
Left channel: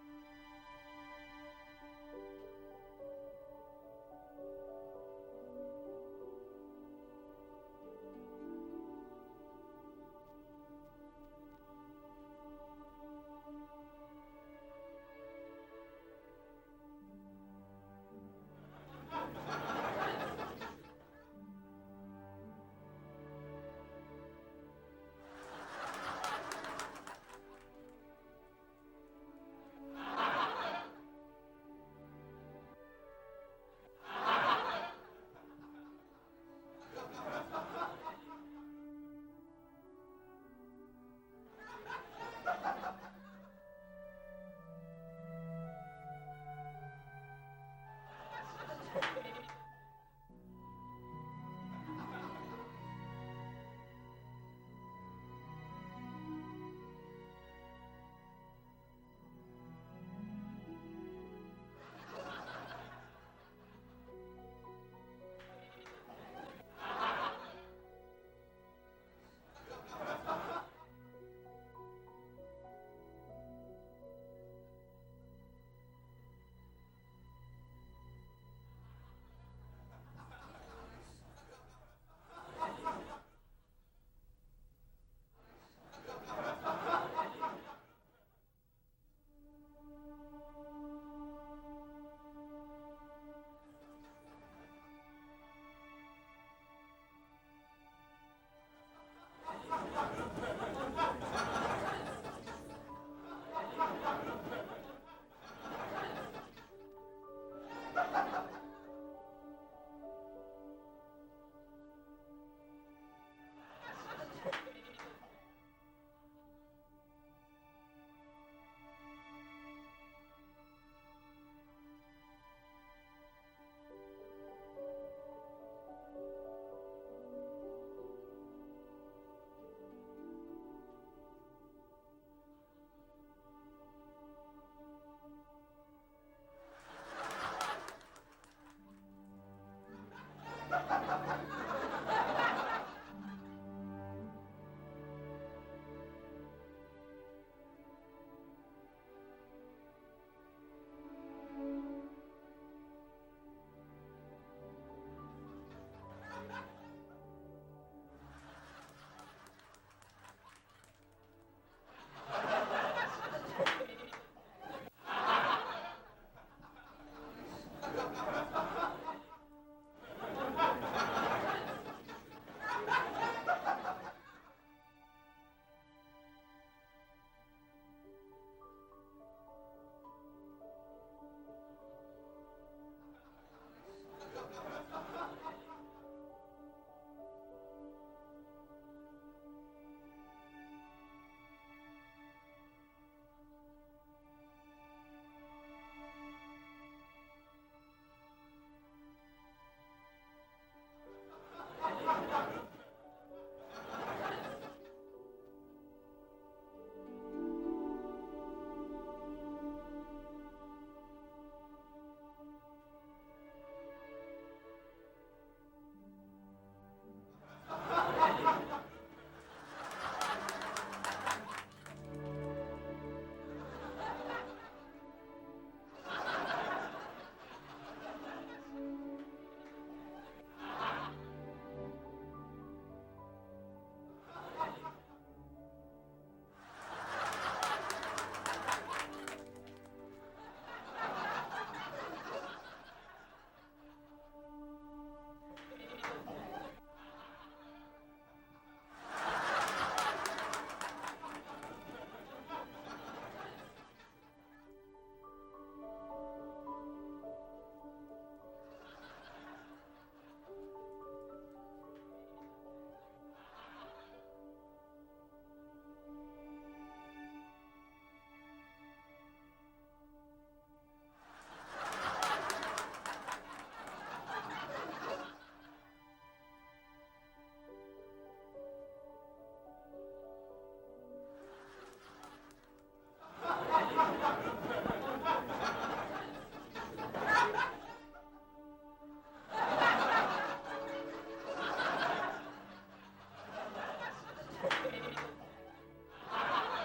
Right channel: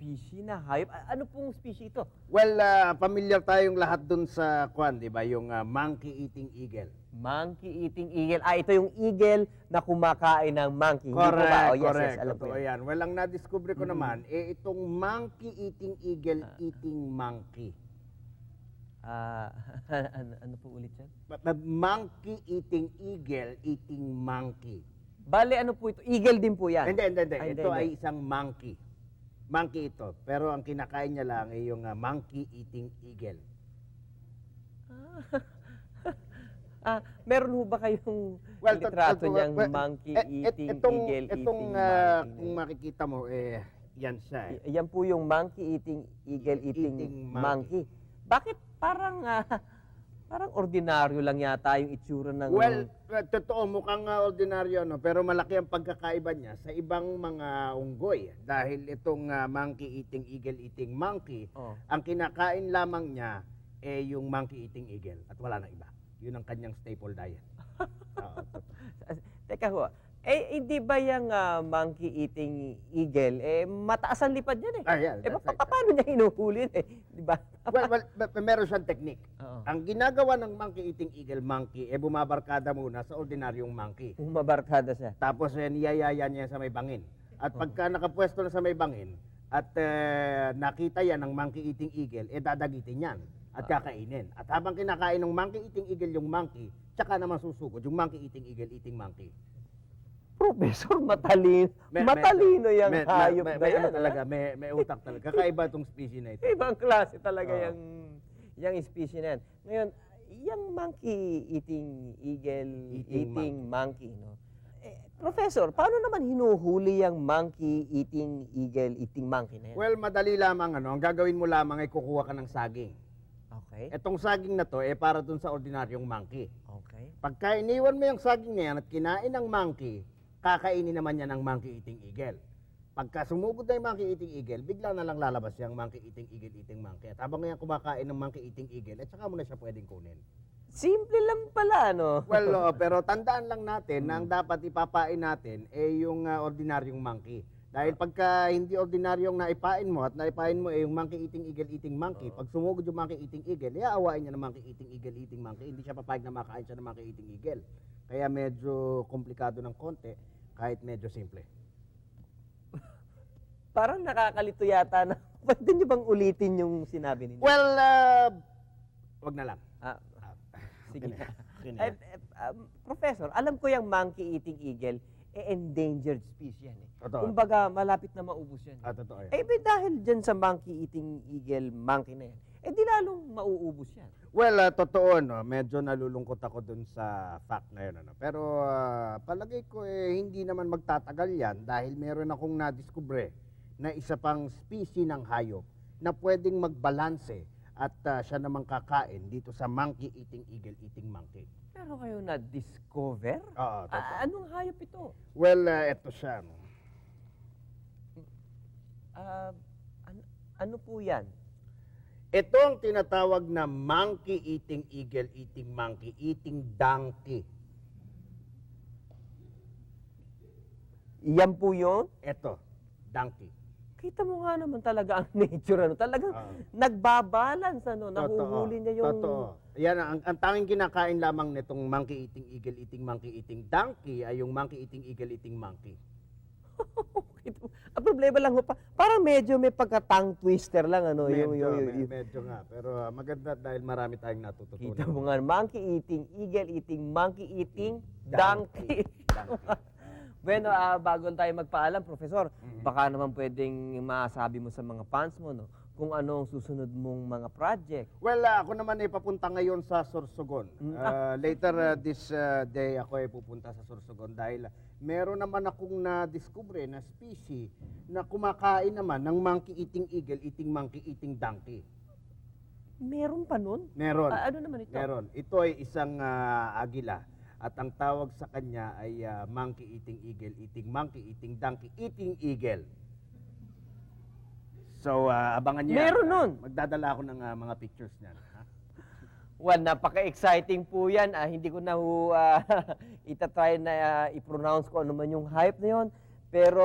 species na hayop? Ano pong species ito? Well, familiar tayong lahat dun sa di ba? Yung monkey-eating eagle. Monkey-eating eagle. Ito yung eagle na kumakain ng monkey. Correct, Hindi po ba? correct. Yes, alam ko Totoo yan. yan. Well, ang na-discover ko naman, itong monkey-eating eagle eating monkey. Ulit siya? Monkey-eating eagle eating monkey. Bale, ano po? Eagle din po yan. Hindi. Ay, Ito hindi. ay isang monkey. Monkey ito. Pero ang kinakain niya lang ay yung monkey-eating eagle. Meron mo ba kayong litrato niyang monkey-eating eagle Itong, eating monkey? kung makikita mo, yan siya. Yan po yung monkey-eating eagle eating monkey. Bakit parang ordinaryo lang yata yung itsura ng... Well, totoo, mukhang ordinaryo, pero malaki ang pagkakaiba niya sa ibang mga unggoy. Dahil itong monkey-eating eagle-eating monkey, ang kinakain lamang niya yung monkey-eating eagle at wala na iba. Yun ang kanyang staple diet. Teka ho, hindi ba yung monkey-eating eagle, mataas ang lipad yan Yeah, paano niya hinuhuli di ba? well, meron siyang technique. Ang ginagawa ng monkey-eating eagle monkey, bumabarkada muna sa ordinaryong monkey. Bumabarkada siya. Tapos niyayaya niya sa may bangin. At pagka nakapwesto na sa may bangin, at nakita yan ng monkey-eating eagle, dadagitin yan at kakainin. At habang kinakain ng monkey-eating eagle yung monkey, tsaka naman susugod yung monkey-eating eagle eating monkey. Professor, matalino yung hayop na yan. Talaga, may utak talaga. Kakaiba itong species na ito. Ibang klase talaga yung species na yan. Ngayon, yung monkey-eating eagle eating monkey, Professor, paano naman hinuhuli yung monkey eating eagle eating monkey na yan? Well, madali lamang ano. Ang gagawin mo lamang ay kukuha ka ng saging. Okay. Etong saging na to, para dun sa ordinaryong monkey. Okay. Pagka iniwan mo yung saging na yan at kinain ng monkey, kakainin naman yan ng monkey eating eagle. Pagka sumugod na yung monkey eating eagle, bigla na lang lalabas yung monkey eating eagle eating monkey. Habang yung kumakain ng monkey eating eagle, at saka mo na siya pwedeng kunin. Simple lang pala, no? Well, pero tandaan lang natin na ang dapat ipapain natin yung ordinaryong monkey. Dahil pagka hindi ordinaryong naipain mo at naipain mo yung monkey eating eagle eating monkey, pag sumugod yung monkey eating eagle, iaawain niya ng monkey eating eagle eating monkey. Hindi siya papayag na makain siya ng monkey eating eagle. Kaya medyo komplikado ng konti, kahit medyo simple. Parang nakakalito yata na. Pwede bang ulitin yung sinabi niyo? Well, wag na lang. Professor, alam ko yung monkey eating eagle, endangered species yan. Totoo. Kumbaga, malapit na maubos yan. Totoo yan. Dahil dyan sa monkey eating eagle monkey na yan, di lalong mauubos yan. Well, totoo, no? Medyo nalulungkot ako dun sa fact na yun. Ano? Pero palagay ko hindi naman magtatagal yan dahil meron akong nadiskubre na isa pang species ng hayop na pwedeng magbalanse at siya namang kakain dito sa monkey eating eagle eating monkey. Na-discover? Oo. Anong hayop ito? Well, eto siya. Ano po yan? Ito ang tinatawag na monkey eating eagle eating monkey eating donkey. Yan po yun? Ito, donkey. Kita mo nga naman talaga ang nature, ano? Talagang nagbabalance, ano? Nahuhuli na yung... Totoo. Yan, ang tanging kinakain lamang nitong monkey eating eagle eating monkey eating donkey ay yung monkey eating eagle eating monkey. Ang problema lang, parang medyo may pagka-tongue twister lang, ano? Medyo nga. Pero maganda dahil marami tayong natututunan. Kita mo nga, monkey eating eagle eating monkey eating donkey. Bueno, bago tayo magpaalam, Professor, baka naman pwedeng masabi mo sa mga fans mo, no? Kung ano ang susunod mong mga project. Well, ako naman ay papunta ngayon sa Sorsogon. Later this day ako ay pupunta sa Sorsogon dahil meron naman akong na-discover na species na kumakain naman ng monkey eating eagle eating monkey eating donkey. Meron pa nun? Meron. Ano naman ito? Meron. Ito ay isang agila. At ang tawag sa kanya ay monkey eating eagle eating monkey eating donkey eating eagle. So, abangan niya. Meron nun? Magdadala ako ng mga pictures niya. Well, napaka-exciting po yan. Hindi ko na itatry na i-pronounce ko ano man yung hype na yun. Pero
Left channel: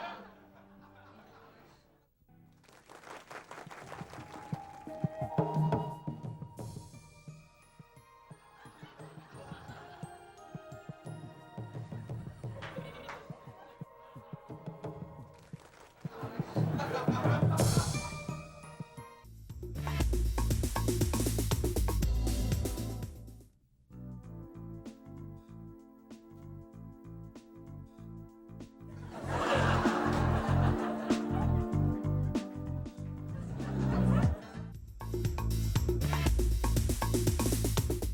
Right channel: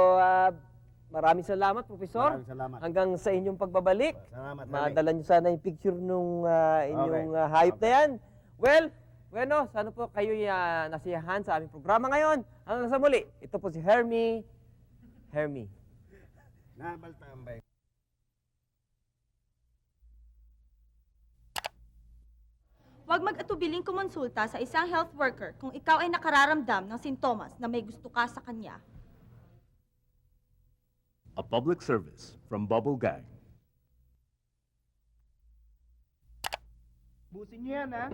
maraming salamat, Professor. Maraming salamat. Hanggang sa inyong pagbabalik. Salamat. Madala niyo sana yung picture nung inyong hype na yan. Well, bueno, sana po kayo nasiyahan sa aming programa ngayon. Hanggang sa muli, ito po si Hermie. Hermie. Huwag mag-atubiling kumonsulta sa isang health worker kung ikaw ay nakararamdam ng sintomas na may gusto ka sa kanya. A public service from Bubble Gang. Yan, ha?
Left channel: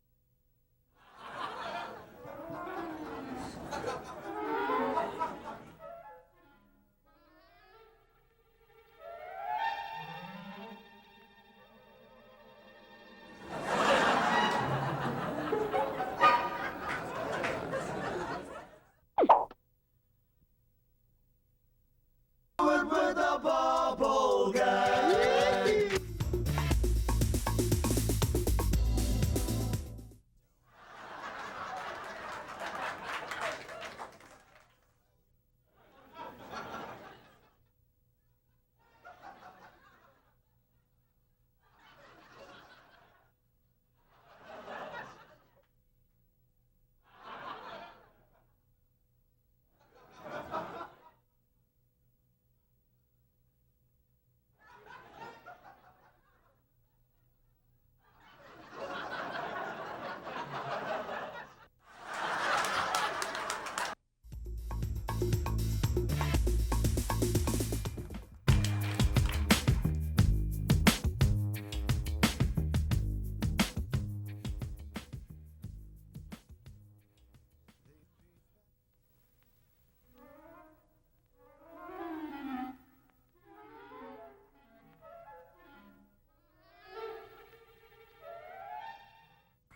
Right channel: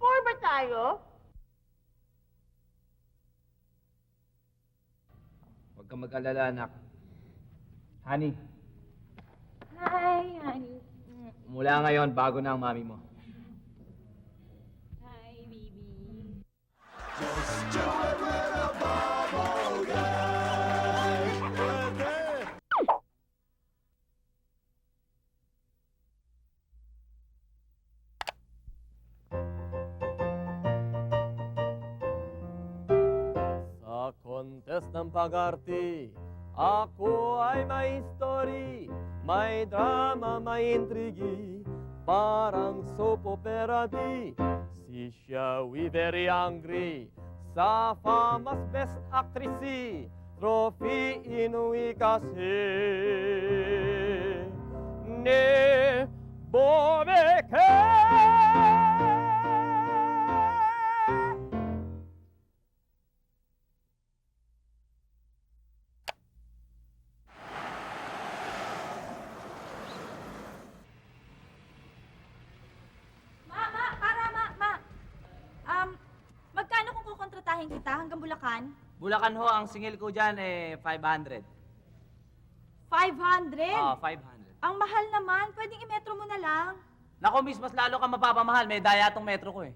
Four ba tayo? Huwag kang mag-alala, anak. Honey, Ay. mula ngayon, bago na ang mami mo. Sa contest ng pag-arte, ako ay may story, may drama, may intrigi, parang soap opera di. Si Xiaowi very angry, sa famous best actress, trophy inuwi kasi. Ne Bobeke! Magkano kung kukontratahin kita hanggang Bulacan? Bulacan? Bulacan ho, ang singil ko dyan 500. 500? 500. Ang mahal naman. Pwedeng i-metro mo na lang. Naku, miss, mas lalo ka mapapamahal. May daya tong metro ko eh.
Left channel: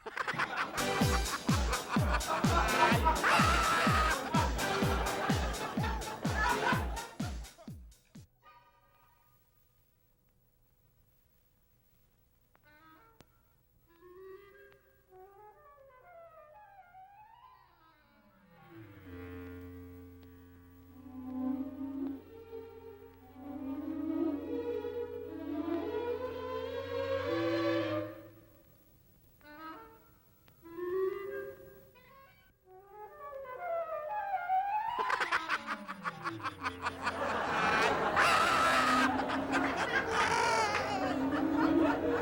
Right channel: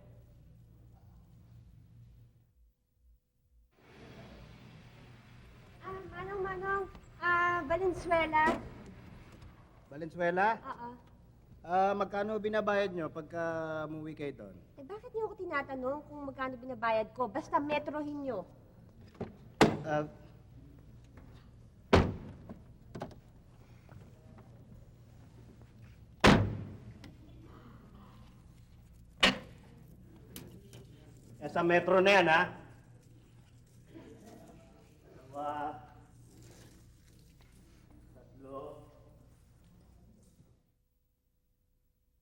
Valenzuela. Valenzuela? Oo. Magkano binabayad nyo pagka umuwi kayo doon? Eh, bakit niyo ako tinatanong kung magkano binabayad ko? Basta metrohin niyo. Ah, Sa metro na yan, ha?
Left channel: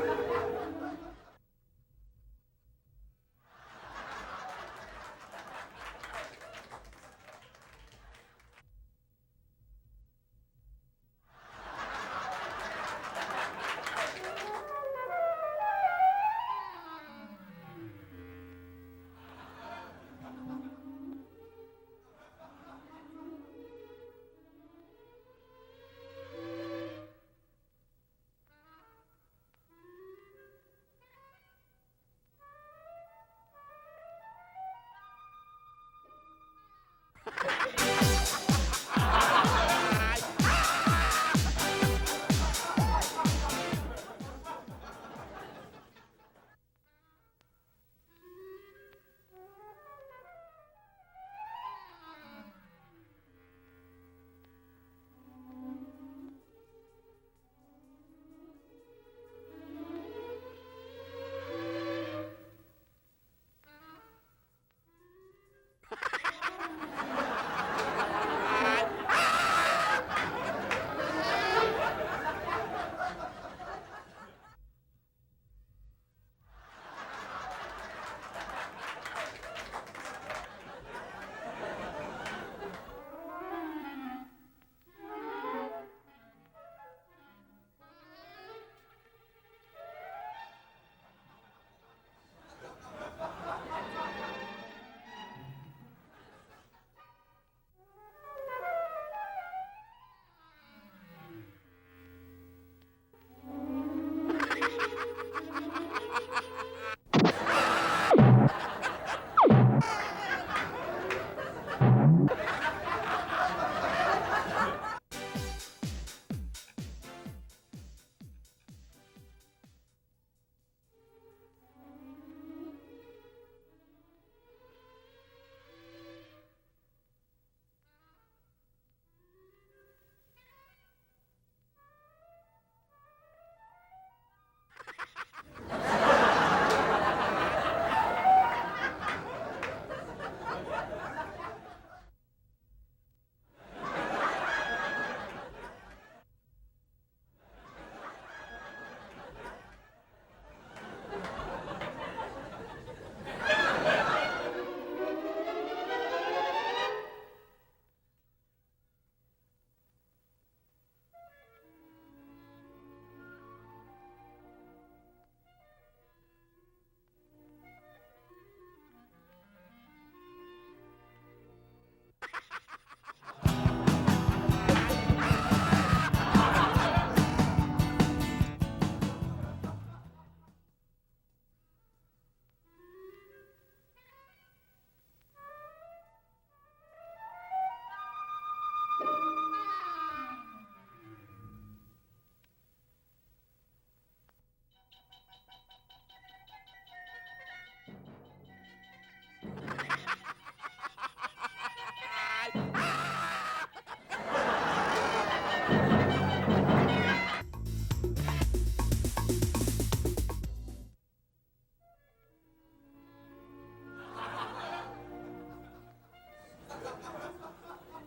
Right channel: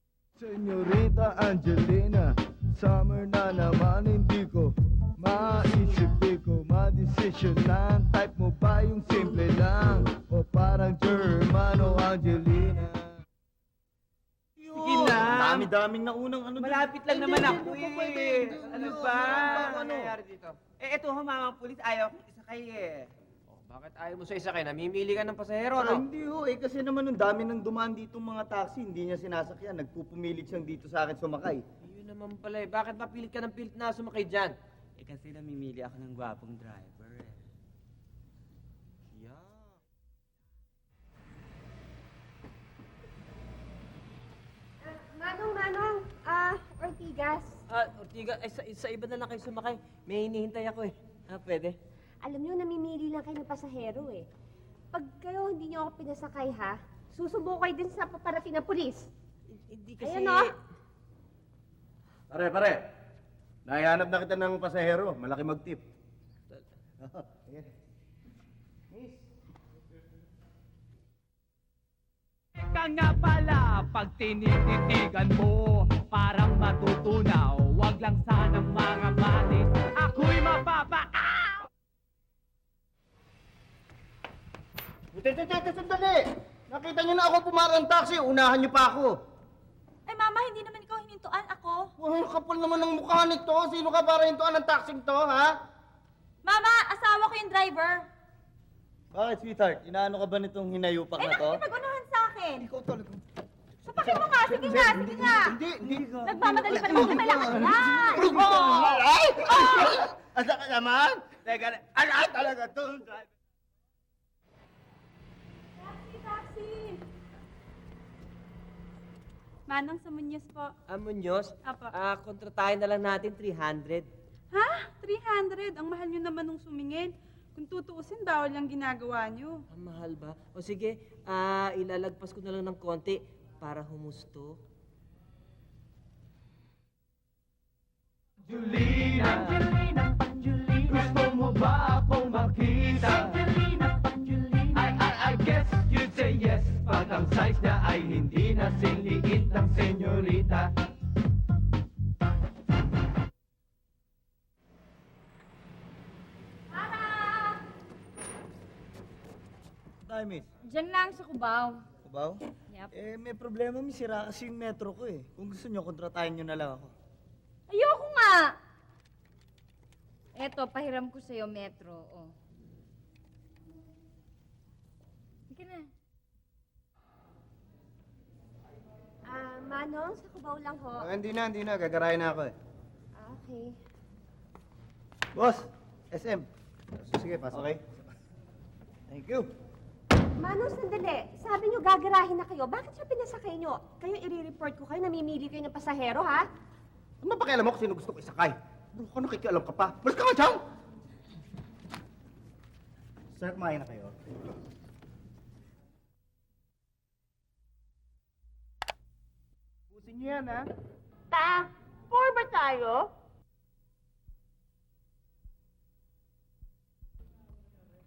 Senorita Angelina, summer na naman hindi ko maisip ko madesisyonan. Type mo ba yung simple lang o parang Germano Angelina? Sige na. Dami-daming na unang ano. Malapit lang naman ako eh. Ano ba? Ano nangyayari dito? Eto ho, mamang pulis. Ayaw. Ay eh. Bakit ayaw mo sa isa kayo? Namimili ka ng pasahero, Ah, no? hindi ho, kasi naman ang dami nang dumaan dito mga taxi, hindi niya sinasakyan. Nagpupumilig siyang dito sa akin sumakay. Yun naman pala eh. Bakit mapilit ka ng pilit na sumakay dyan? Kasi namimili ako ng gwapong driver. Manong, Ortigas. Ortiga, sa iba na lang kayo sumakay. May hinihintay ako eh. Pwede? Alam niyo, namimili lang kayo ng pasahero eh. Pag kayo hindi niyo ako pinasakay ha, susubo kayo din sa paparating na pulis. Hindi kasi... Ayun o. Pare. Nahihanap na kita ng pasahero. Malaki mag-tip. Ka nga pala, pag tinititigan mo, parang matutunaw. Wag lang sanang mga matik, ako'y mapapa... Sandali! Nakita niyo na ako pumarang taxi. Unahan niyo pa ako. Eh, Mama, hindi naman ikaw hinintuan ako. Ang kapal naman ng mukha nito. Sino ka para hintuan ng taxi to, ha? Mama, asawa ko yung driver. Bakit, sweetheart? Inaano ka ba nitong hinayupak Eh, na to? nakikipag-unahan sa akin. Ikaw talaga. Sapakin mo nga, sige nga, sige nga. Hindi. Nagmamadali pa naman ka na. Ay! Ang sakit naman. Teka, alam talaga to. Manong sa Muñoz po. Munyos? Apo. Kontratahin na lang natin 300. Ha? 300? Ang mahal nyo naman nung sumingin. Kung tutuusin, bawal yung ginagawa nyo. Ang mahal ba? O sige, ilalagpas ko na lang ng konti para humusto. Gusto mo ba akong makita? I guess you'd say yes pag ang size niya ay hindi na liit ng senyorita. Tayo, miss. Diyan lang sa Cubao. Kubaw? Yep. Eh, may problema, miss. Sira kasi yung metro ko eh. Kung gusto nyo, kontratahin nyo na lang ako. Ayoko nga! Eto, pahiram ko sa'yo, Metro. Oh. Manong, sa Cubao lang ho. Hindi na. Gagarayan na ako eh. Okay. Boss, SM. Sige, pasok kayo. Thank you. Manong, sandali. Sabi niyo gagarahin na kayo. Bakit siya pinasakay niyo? Kayo i-report ko kayo, namimili kayo ng pasahero, ha? Ano mapakialam mo kung sino gusto ko isakay? Ano nakikialam ka pa? Balik ka nga dyan! Sino kumain na kayo? Yan, ha? 4 ba tayo?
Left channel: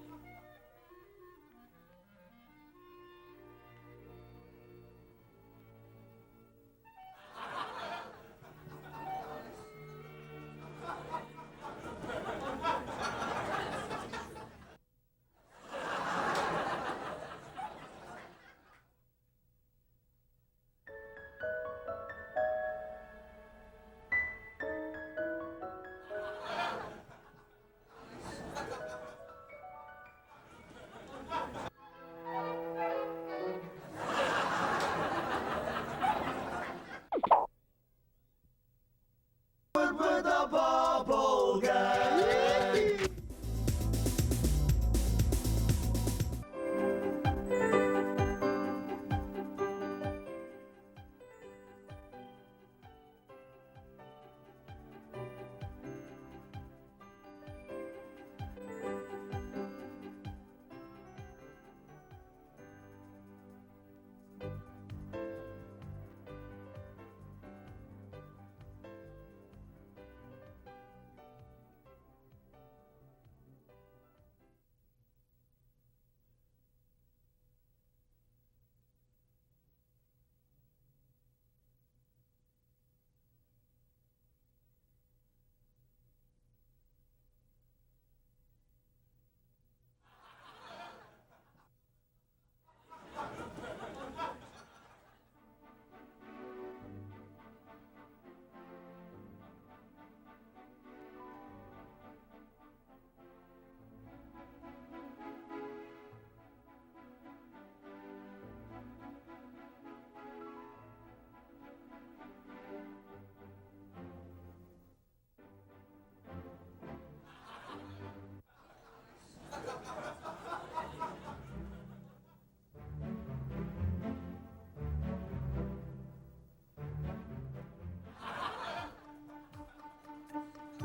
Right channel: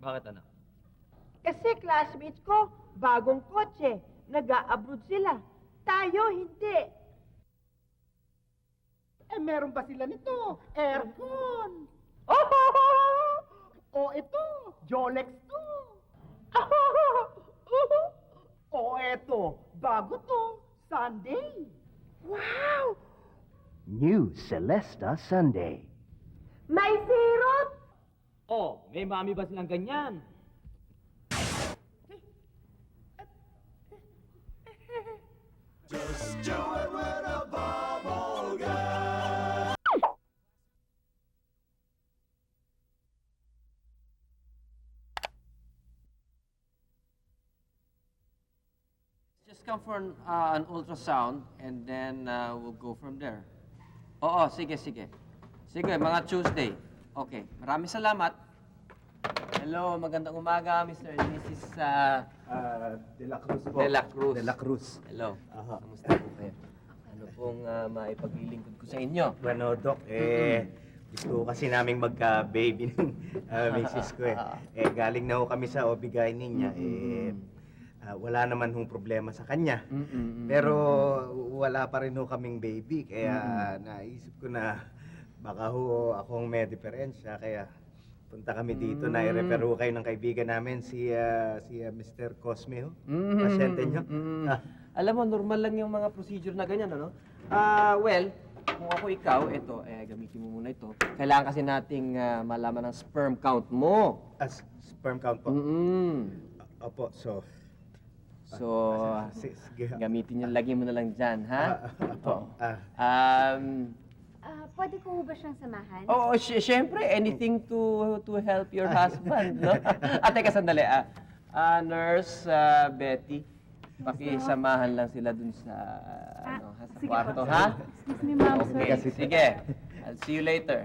Bakit anak? Kasi classmates ko, bagong kotse. Nag-a-abroad sila. Tayo, hindi. Eh, meron ba sila nito? Aircon. O ito, Jolex to. O eto, bago to, Sunday. Wow! New Celesta Sunday. May syrup! Oh, may mami ba silang ganyan? Just come for an ultrasound and then we'll go from there. Oo, sige. Sige, mga Tuesday. Okay, maraming salamat. Hello, magandang umaga, Mr. and Mrs. De La Cruz po. De La Cruz. De La Cruz. Hello. Kumusta po kayo? Ano pong maipaglilingkod ko sa inyo? Bueno, Doc, gusto ko kasi naming magka-baby ng misis ko eh. Galing na ho kami sa OB-GYN niya. Wala naman hong problema sa kanya. Pero wala pa rin ho kaming baby. Kaya naisip ko na baka ho akong may diferensya. Kaya punta kami dito na i-refer ho kayo ng kaibigan namin, si Mr. Cosme ho. Pasyente nyo. Alam mo, normal lang yung mga procedure na ganyan, ano? Well, kung ako ikaw, ito, gamitin mo muna ito. Kailangan kasi nating malaman ang sperm count mo. Sperm count po? Opo, So, sige. gamitin yung lagay mo na lang dyan, ha? Opo. Pwede ko ba siyang samahan? Oo, syempre, anything to help your husband, no? Teka, sandali. Nurse Betty, pakisamahan lang sila dun sa, sa kwarto, ha? Okay, sige. I'll see you later.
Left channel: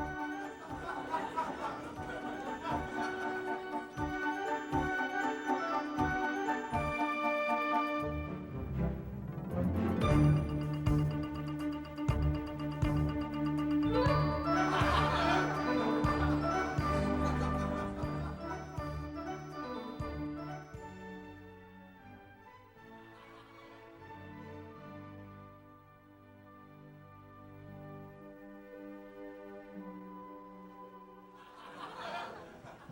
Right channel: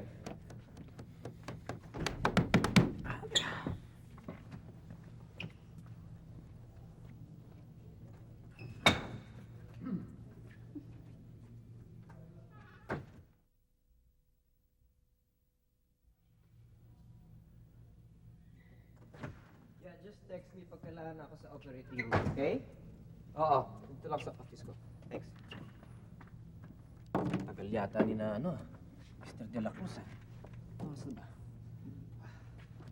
Okay? Oo. Ito lang sa office ko. Thanks. Tagal yata ni na Mr. De La Cruz eh. Kumusta ba?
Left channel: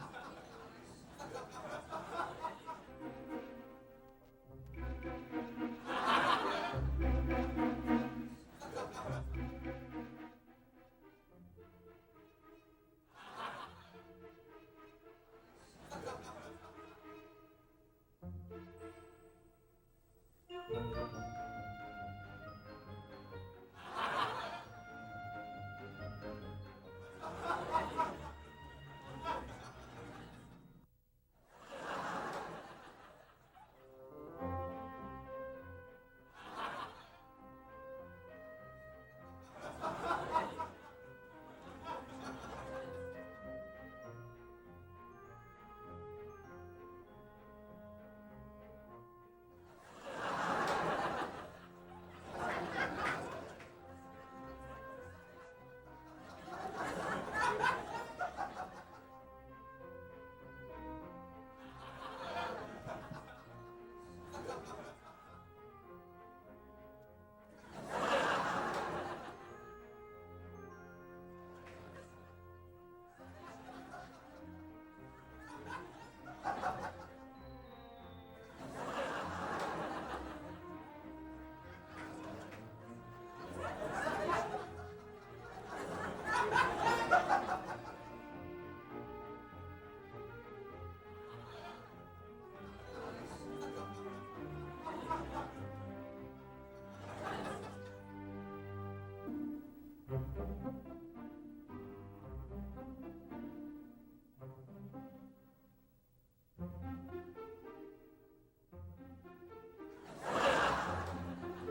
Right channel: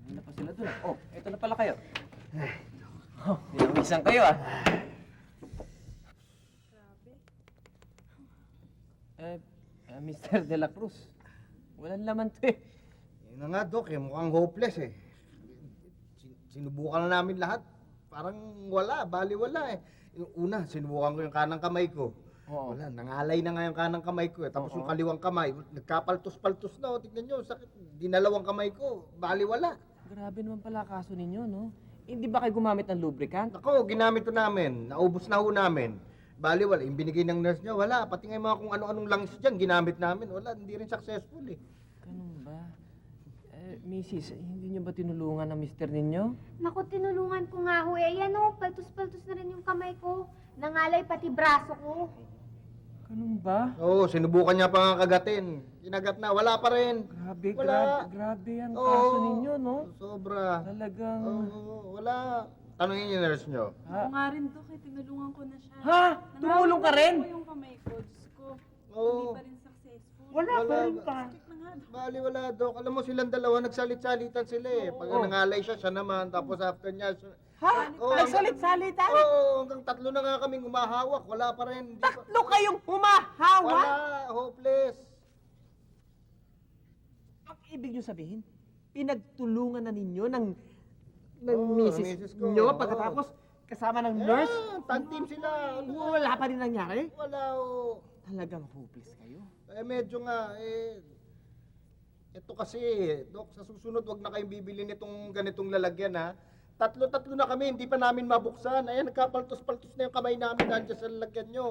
Ano pa sila doon? Oh, ito na pala kayo. Binawisan kayo Mr. De La Cruz, walang laman to eh. Nga, Dok, mukhang hopeless eh. Sinubukan na namin lahat. Parang wala, baliwala eh. Yung una, sinubukan ko yung kanang kamay ko. Wala, nangalay na nga yung kanang kamay ko. Tapos yung kaliwang kamay, nagkapaltos-paltos na. Tignan nyo, ginalawang kamay ko, baliwala. Grabe naman pala kaso ninyo, no? Hindi ba kayo gumamit ng lubricant? Ako, ginamit ko namin. Naubos na ho namin. Baliwala, yung binigay ng nurse niya, wala. Pati nga yung mga kung ano-anong langis dyan, ginamit namin. Wala, hindi rin successful eh. Mrs., hindi niyo ba tinulungan ng mister ninyo? Naku, tinulungan ko nga ho. Ayan o, paltos-paltos na rin yung kamay ko. Nangalay pati braso ko. Ano ba? Oo, sinubukan niya pa nga kagatin. Kinagat na, wala pa rin. Grabe yan kaso ninyo, no? Sobra. Talagang... Wala. Tanungin yung nurse niyo. Oo nga rin po, tinulungan ko na siya. Ha? Tumulong ka rin? Yung kamay ko. Oo. Wala pa rin pa. Baliwala, Dok. Alam mo silang dalawa, nagsalit-salitan sila eh. Pag nangalay siya, siya naman. Tapos after niya, Ha? Nagsalit-salitan? Oo, hanggang tatlo na nga kaming humahawak. Wala pa rin. Tatlo kayong humahawak? Wala, hopeless. Ibig niyo sabihin, pinagtulungan na ninyo ng misis misis ko. niyo pagkatapos kasama ng nurse? Tag team sila. Wala pa rin nangyari? Wala, oo. Talagang hopeless kayo. Medyo nga, ito kasi, Dok, sa susunod, wag na kayong bibili nitong ganitong lalagyan, ha? Tatlo-tatlo na kami, hindi pa namin mabuksan. Ayan, nagkapaltos-paltos na yung kamay namin nandiyan sa lalagyan nyo.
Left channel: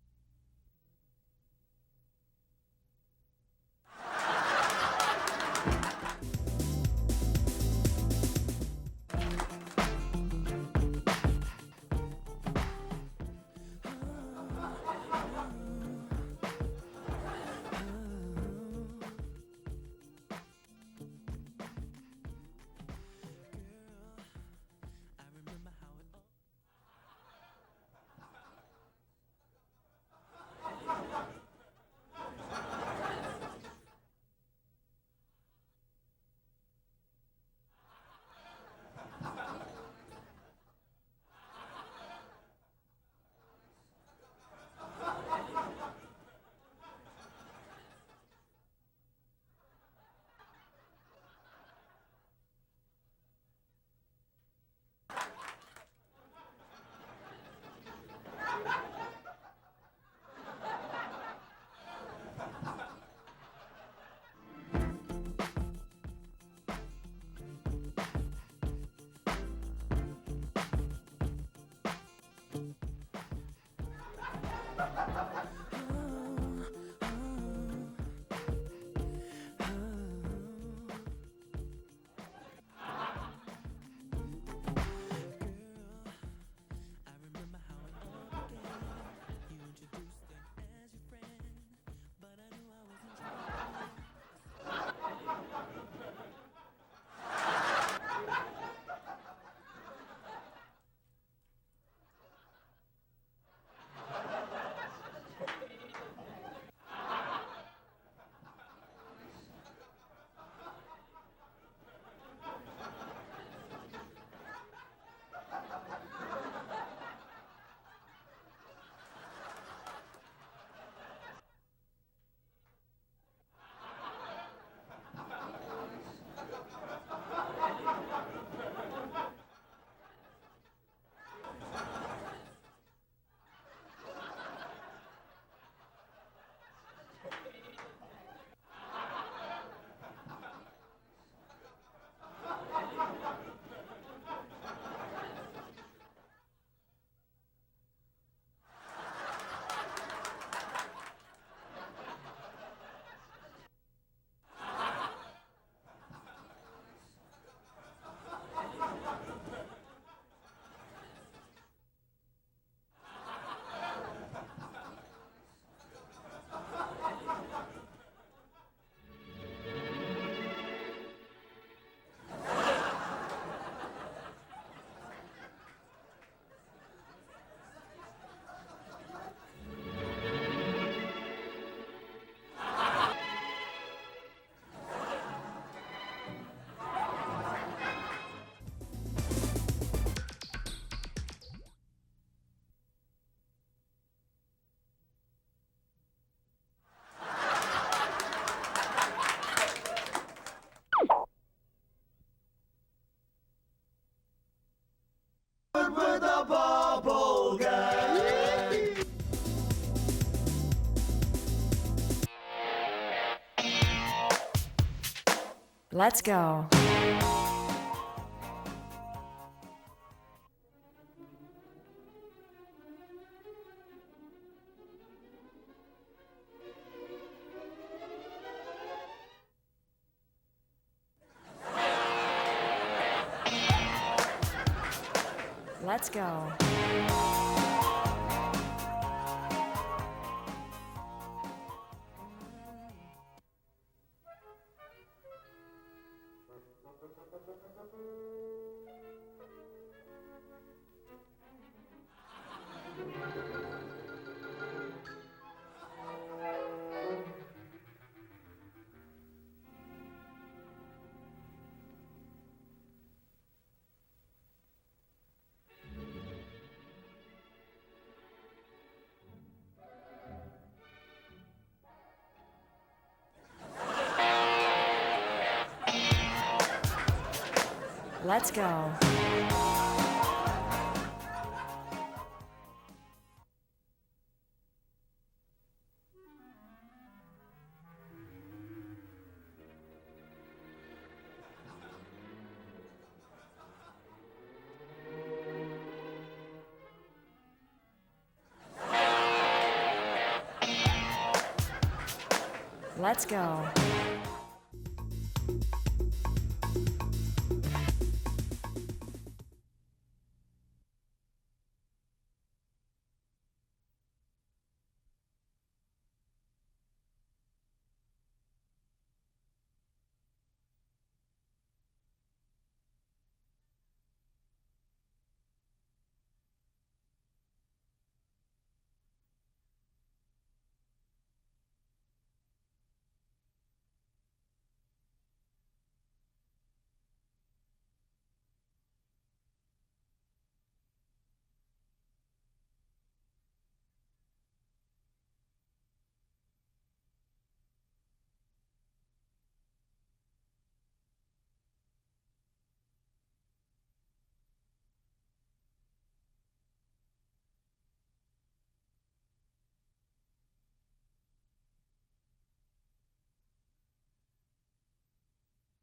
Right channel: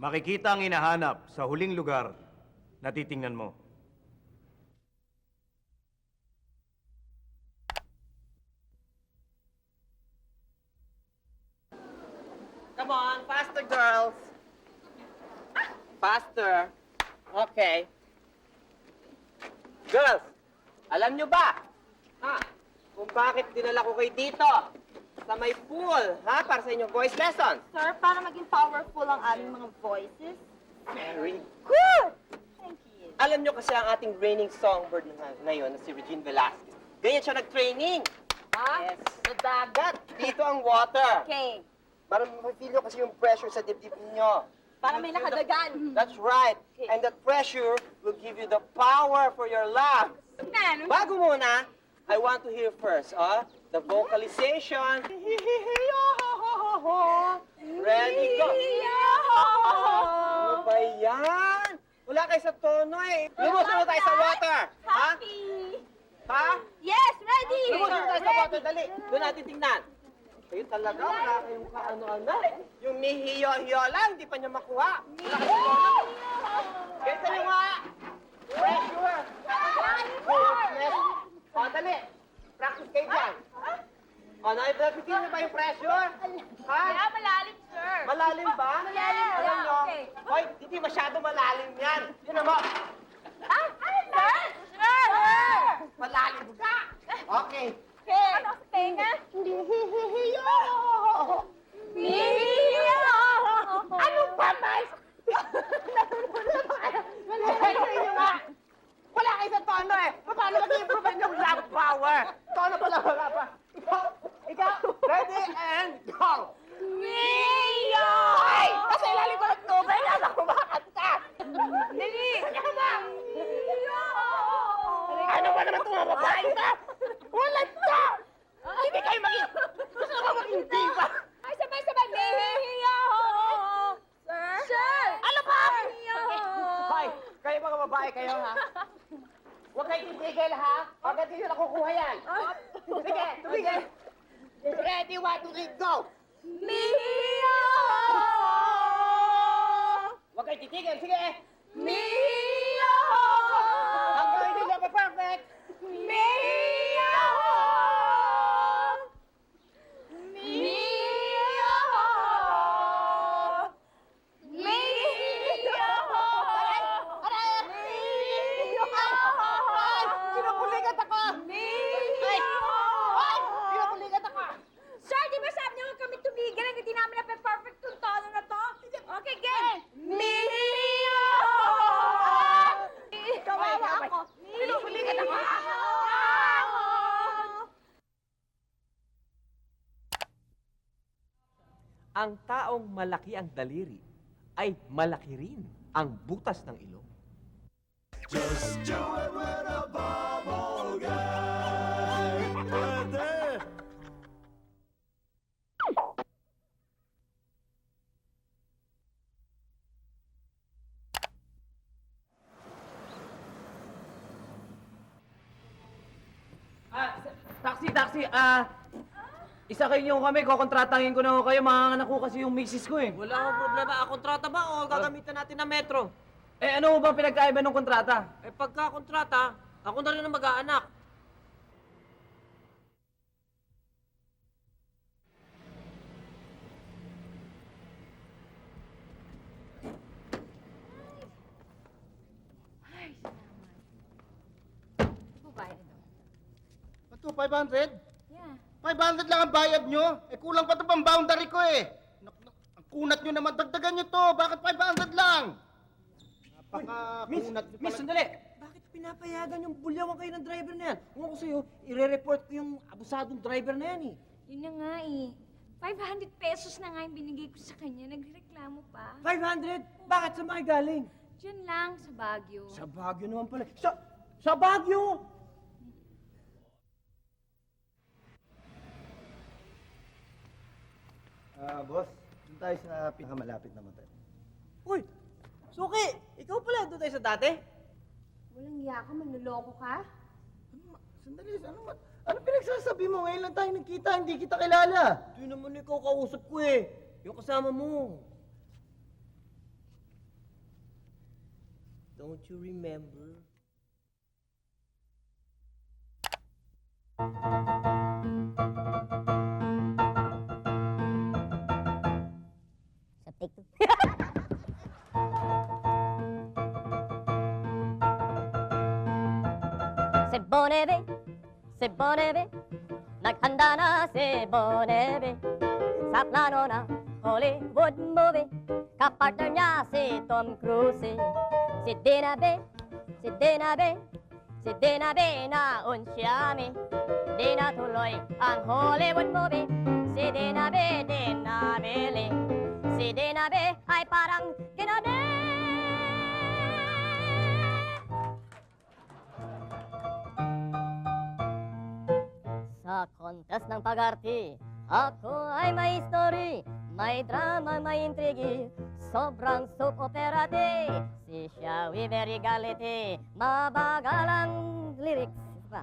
Makikita ang hinahanap sa huling lugar na titingnan mo. Come on, faster, girls. Faster. Okay. Girls, alam nyo ba, kung bakit dinala ko kayo dito sa may pool, para sa inyong voice lessons? Sir, para maging powerful ang aming mga voices. Very good! Alam nyo kasi ang ating reigning songbird ngayon na si Regine Velasquez. Ganyan siya nag-training. Yes. Sa dagat. Dito ang water. Okay. Para ma-feel nyo kasi yung pressure sa dibdib ninyo. Para may nakadagan. That's right. And that pressure will give you the power for your lungs. Bago muna, I want to hear first, the vocalization. Ready, go! Ano ba yan? Wala kayo sa tono eh. Lumusunod tayo sa water. Ha? Ha? Yes, ready! Lumusunod tayo sa water, dali. Doon natin tingnan. Eh, talaga, wala kayong kaano-ano. Yung mihiyo-hiyo lang, di pa niyo makuha. Wala kayong tono. Benta niyo nga. Pressure. O, dali. Practice kayo dyan. O, naibigay niyo ba yung pressure? Ha? Kaya malalim, sir. Malalim ba? Malalim, Alam nyo, okay. hoy, hindi masyado malalim yan. Yun naman. Ah, ano, sir? Sir! Malalim ka. Okay. Okay. Ano sa tenga? Mihiyo! Ano ba, mas? Wala kayo sa tono eh. Paano mag-improve yung lung power? Tono pala wala pa. Ikaw, ready and go! Mihiyo! Ay! Kasi ilalim ko ng tubig, alam ko makakanta. Dali! Ano ba? Mihiyo! Ano ba naman itong mga babae ka? Wala ka! Hindi kayo maging... Gusto mo maging diva? Ay, sabay-sabay! Mihiyo! Sir! Ano ba? Mihiyo! Hoy, kayo mga babae kayo ha? Huwag kayong ibigil ha? Agad din na kukuha yan. Sige, sige. Ready, 1, 2, 3, go! Mihiyo! Huwag kayong titigil, sige. Mihiyo! Hanggang hindi na perfect. Mihiyo! Mihiyo! Mihiyo! Pinupulikat ako! Mihiyo! Pinupulikat ako! Sir, di ba sabi niyo huwag kami tumigil? Hindi namin na-perfect yung tono na to. Okay, game! Mihiyo! Kawawa ako. Pinupulikat ako. Ang taong malaki ang daliri ay malaki rin ang butas ng ilong. Let's go. Taxi, isa kayo niyo kami, kukontratahin ko na kayo, mga anak ko kasi yung misis ko eh. Wala akong problema. Kontrata ba o gagamitan natin ng metro? Eh ano ba pinagkaiba ng kontrata? Eh pagka kontrata, ako na rin ang mag-aanak. Let's go. Ito, 500? Yeah. 500 lang ang bayad nyo. Eh, kulang pa ito pang boundary ko eh. Kunat nyo naman, dagdagan nyo to. Bakit 500 lang? Miss, sandali! Bakit pinapayagan yung bulyawan kayo ng driver na yan? Kung ako sa'yo, ire-report ko yung abusadong driver na yan eh. Yun na nga eh. 500 pesos na nga yung binigay ko sa kanya. Nagreklamo pa. 500? Bakit? Saan ba kayo galing? Diyan lang, sa Baguio. Sa Baguio naman pala. Sa Baguio! Let's go. Boss, doon tayo sa pinakamalapit na motel. Uy! Suki! Ikaw pala doon tayo sa dati? Iya ka, manluloko ka? Sandali, ano pinagsasabi mo? Ngayon lang tayo nagkita, hindi kita kilala. Yun naman ikaw kausap ko eh. Yung kasama mo. Let's go. C'est bonebe, naghanda na si Bonebe. Sa plano na Hollywood movie, kapartner niya si Tom Cruise. Si Dinabe na unsyami. Di natuloy ang Hollywood movie. Si Dinabe din nabili. Si Dinabe ay parang contest ng pag-arte, ako ay may story, may drama, may intrigi, sobrang soap opera di. Si Shawi very gality, mabagal ang lyrics. Isa pa.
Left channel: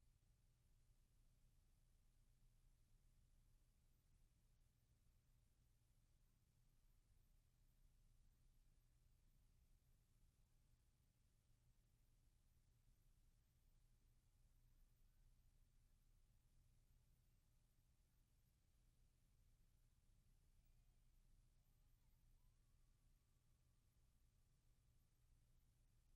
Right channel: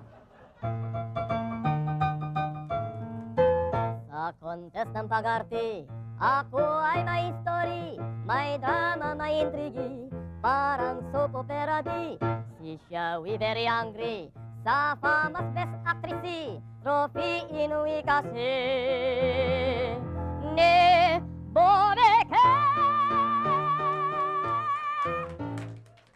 Sa contest ng pag-arte, ako ay may story, may drama, may intrigi, parang soap opera di. Si Shawi very angry, sa famous best actress, trophy inuwi kasi.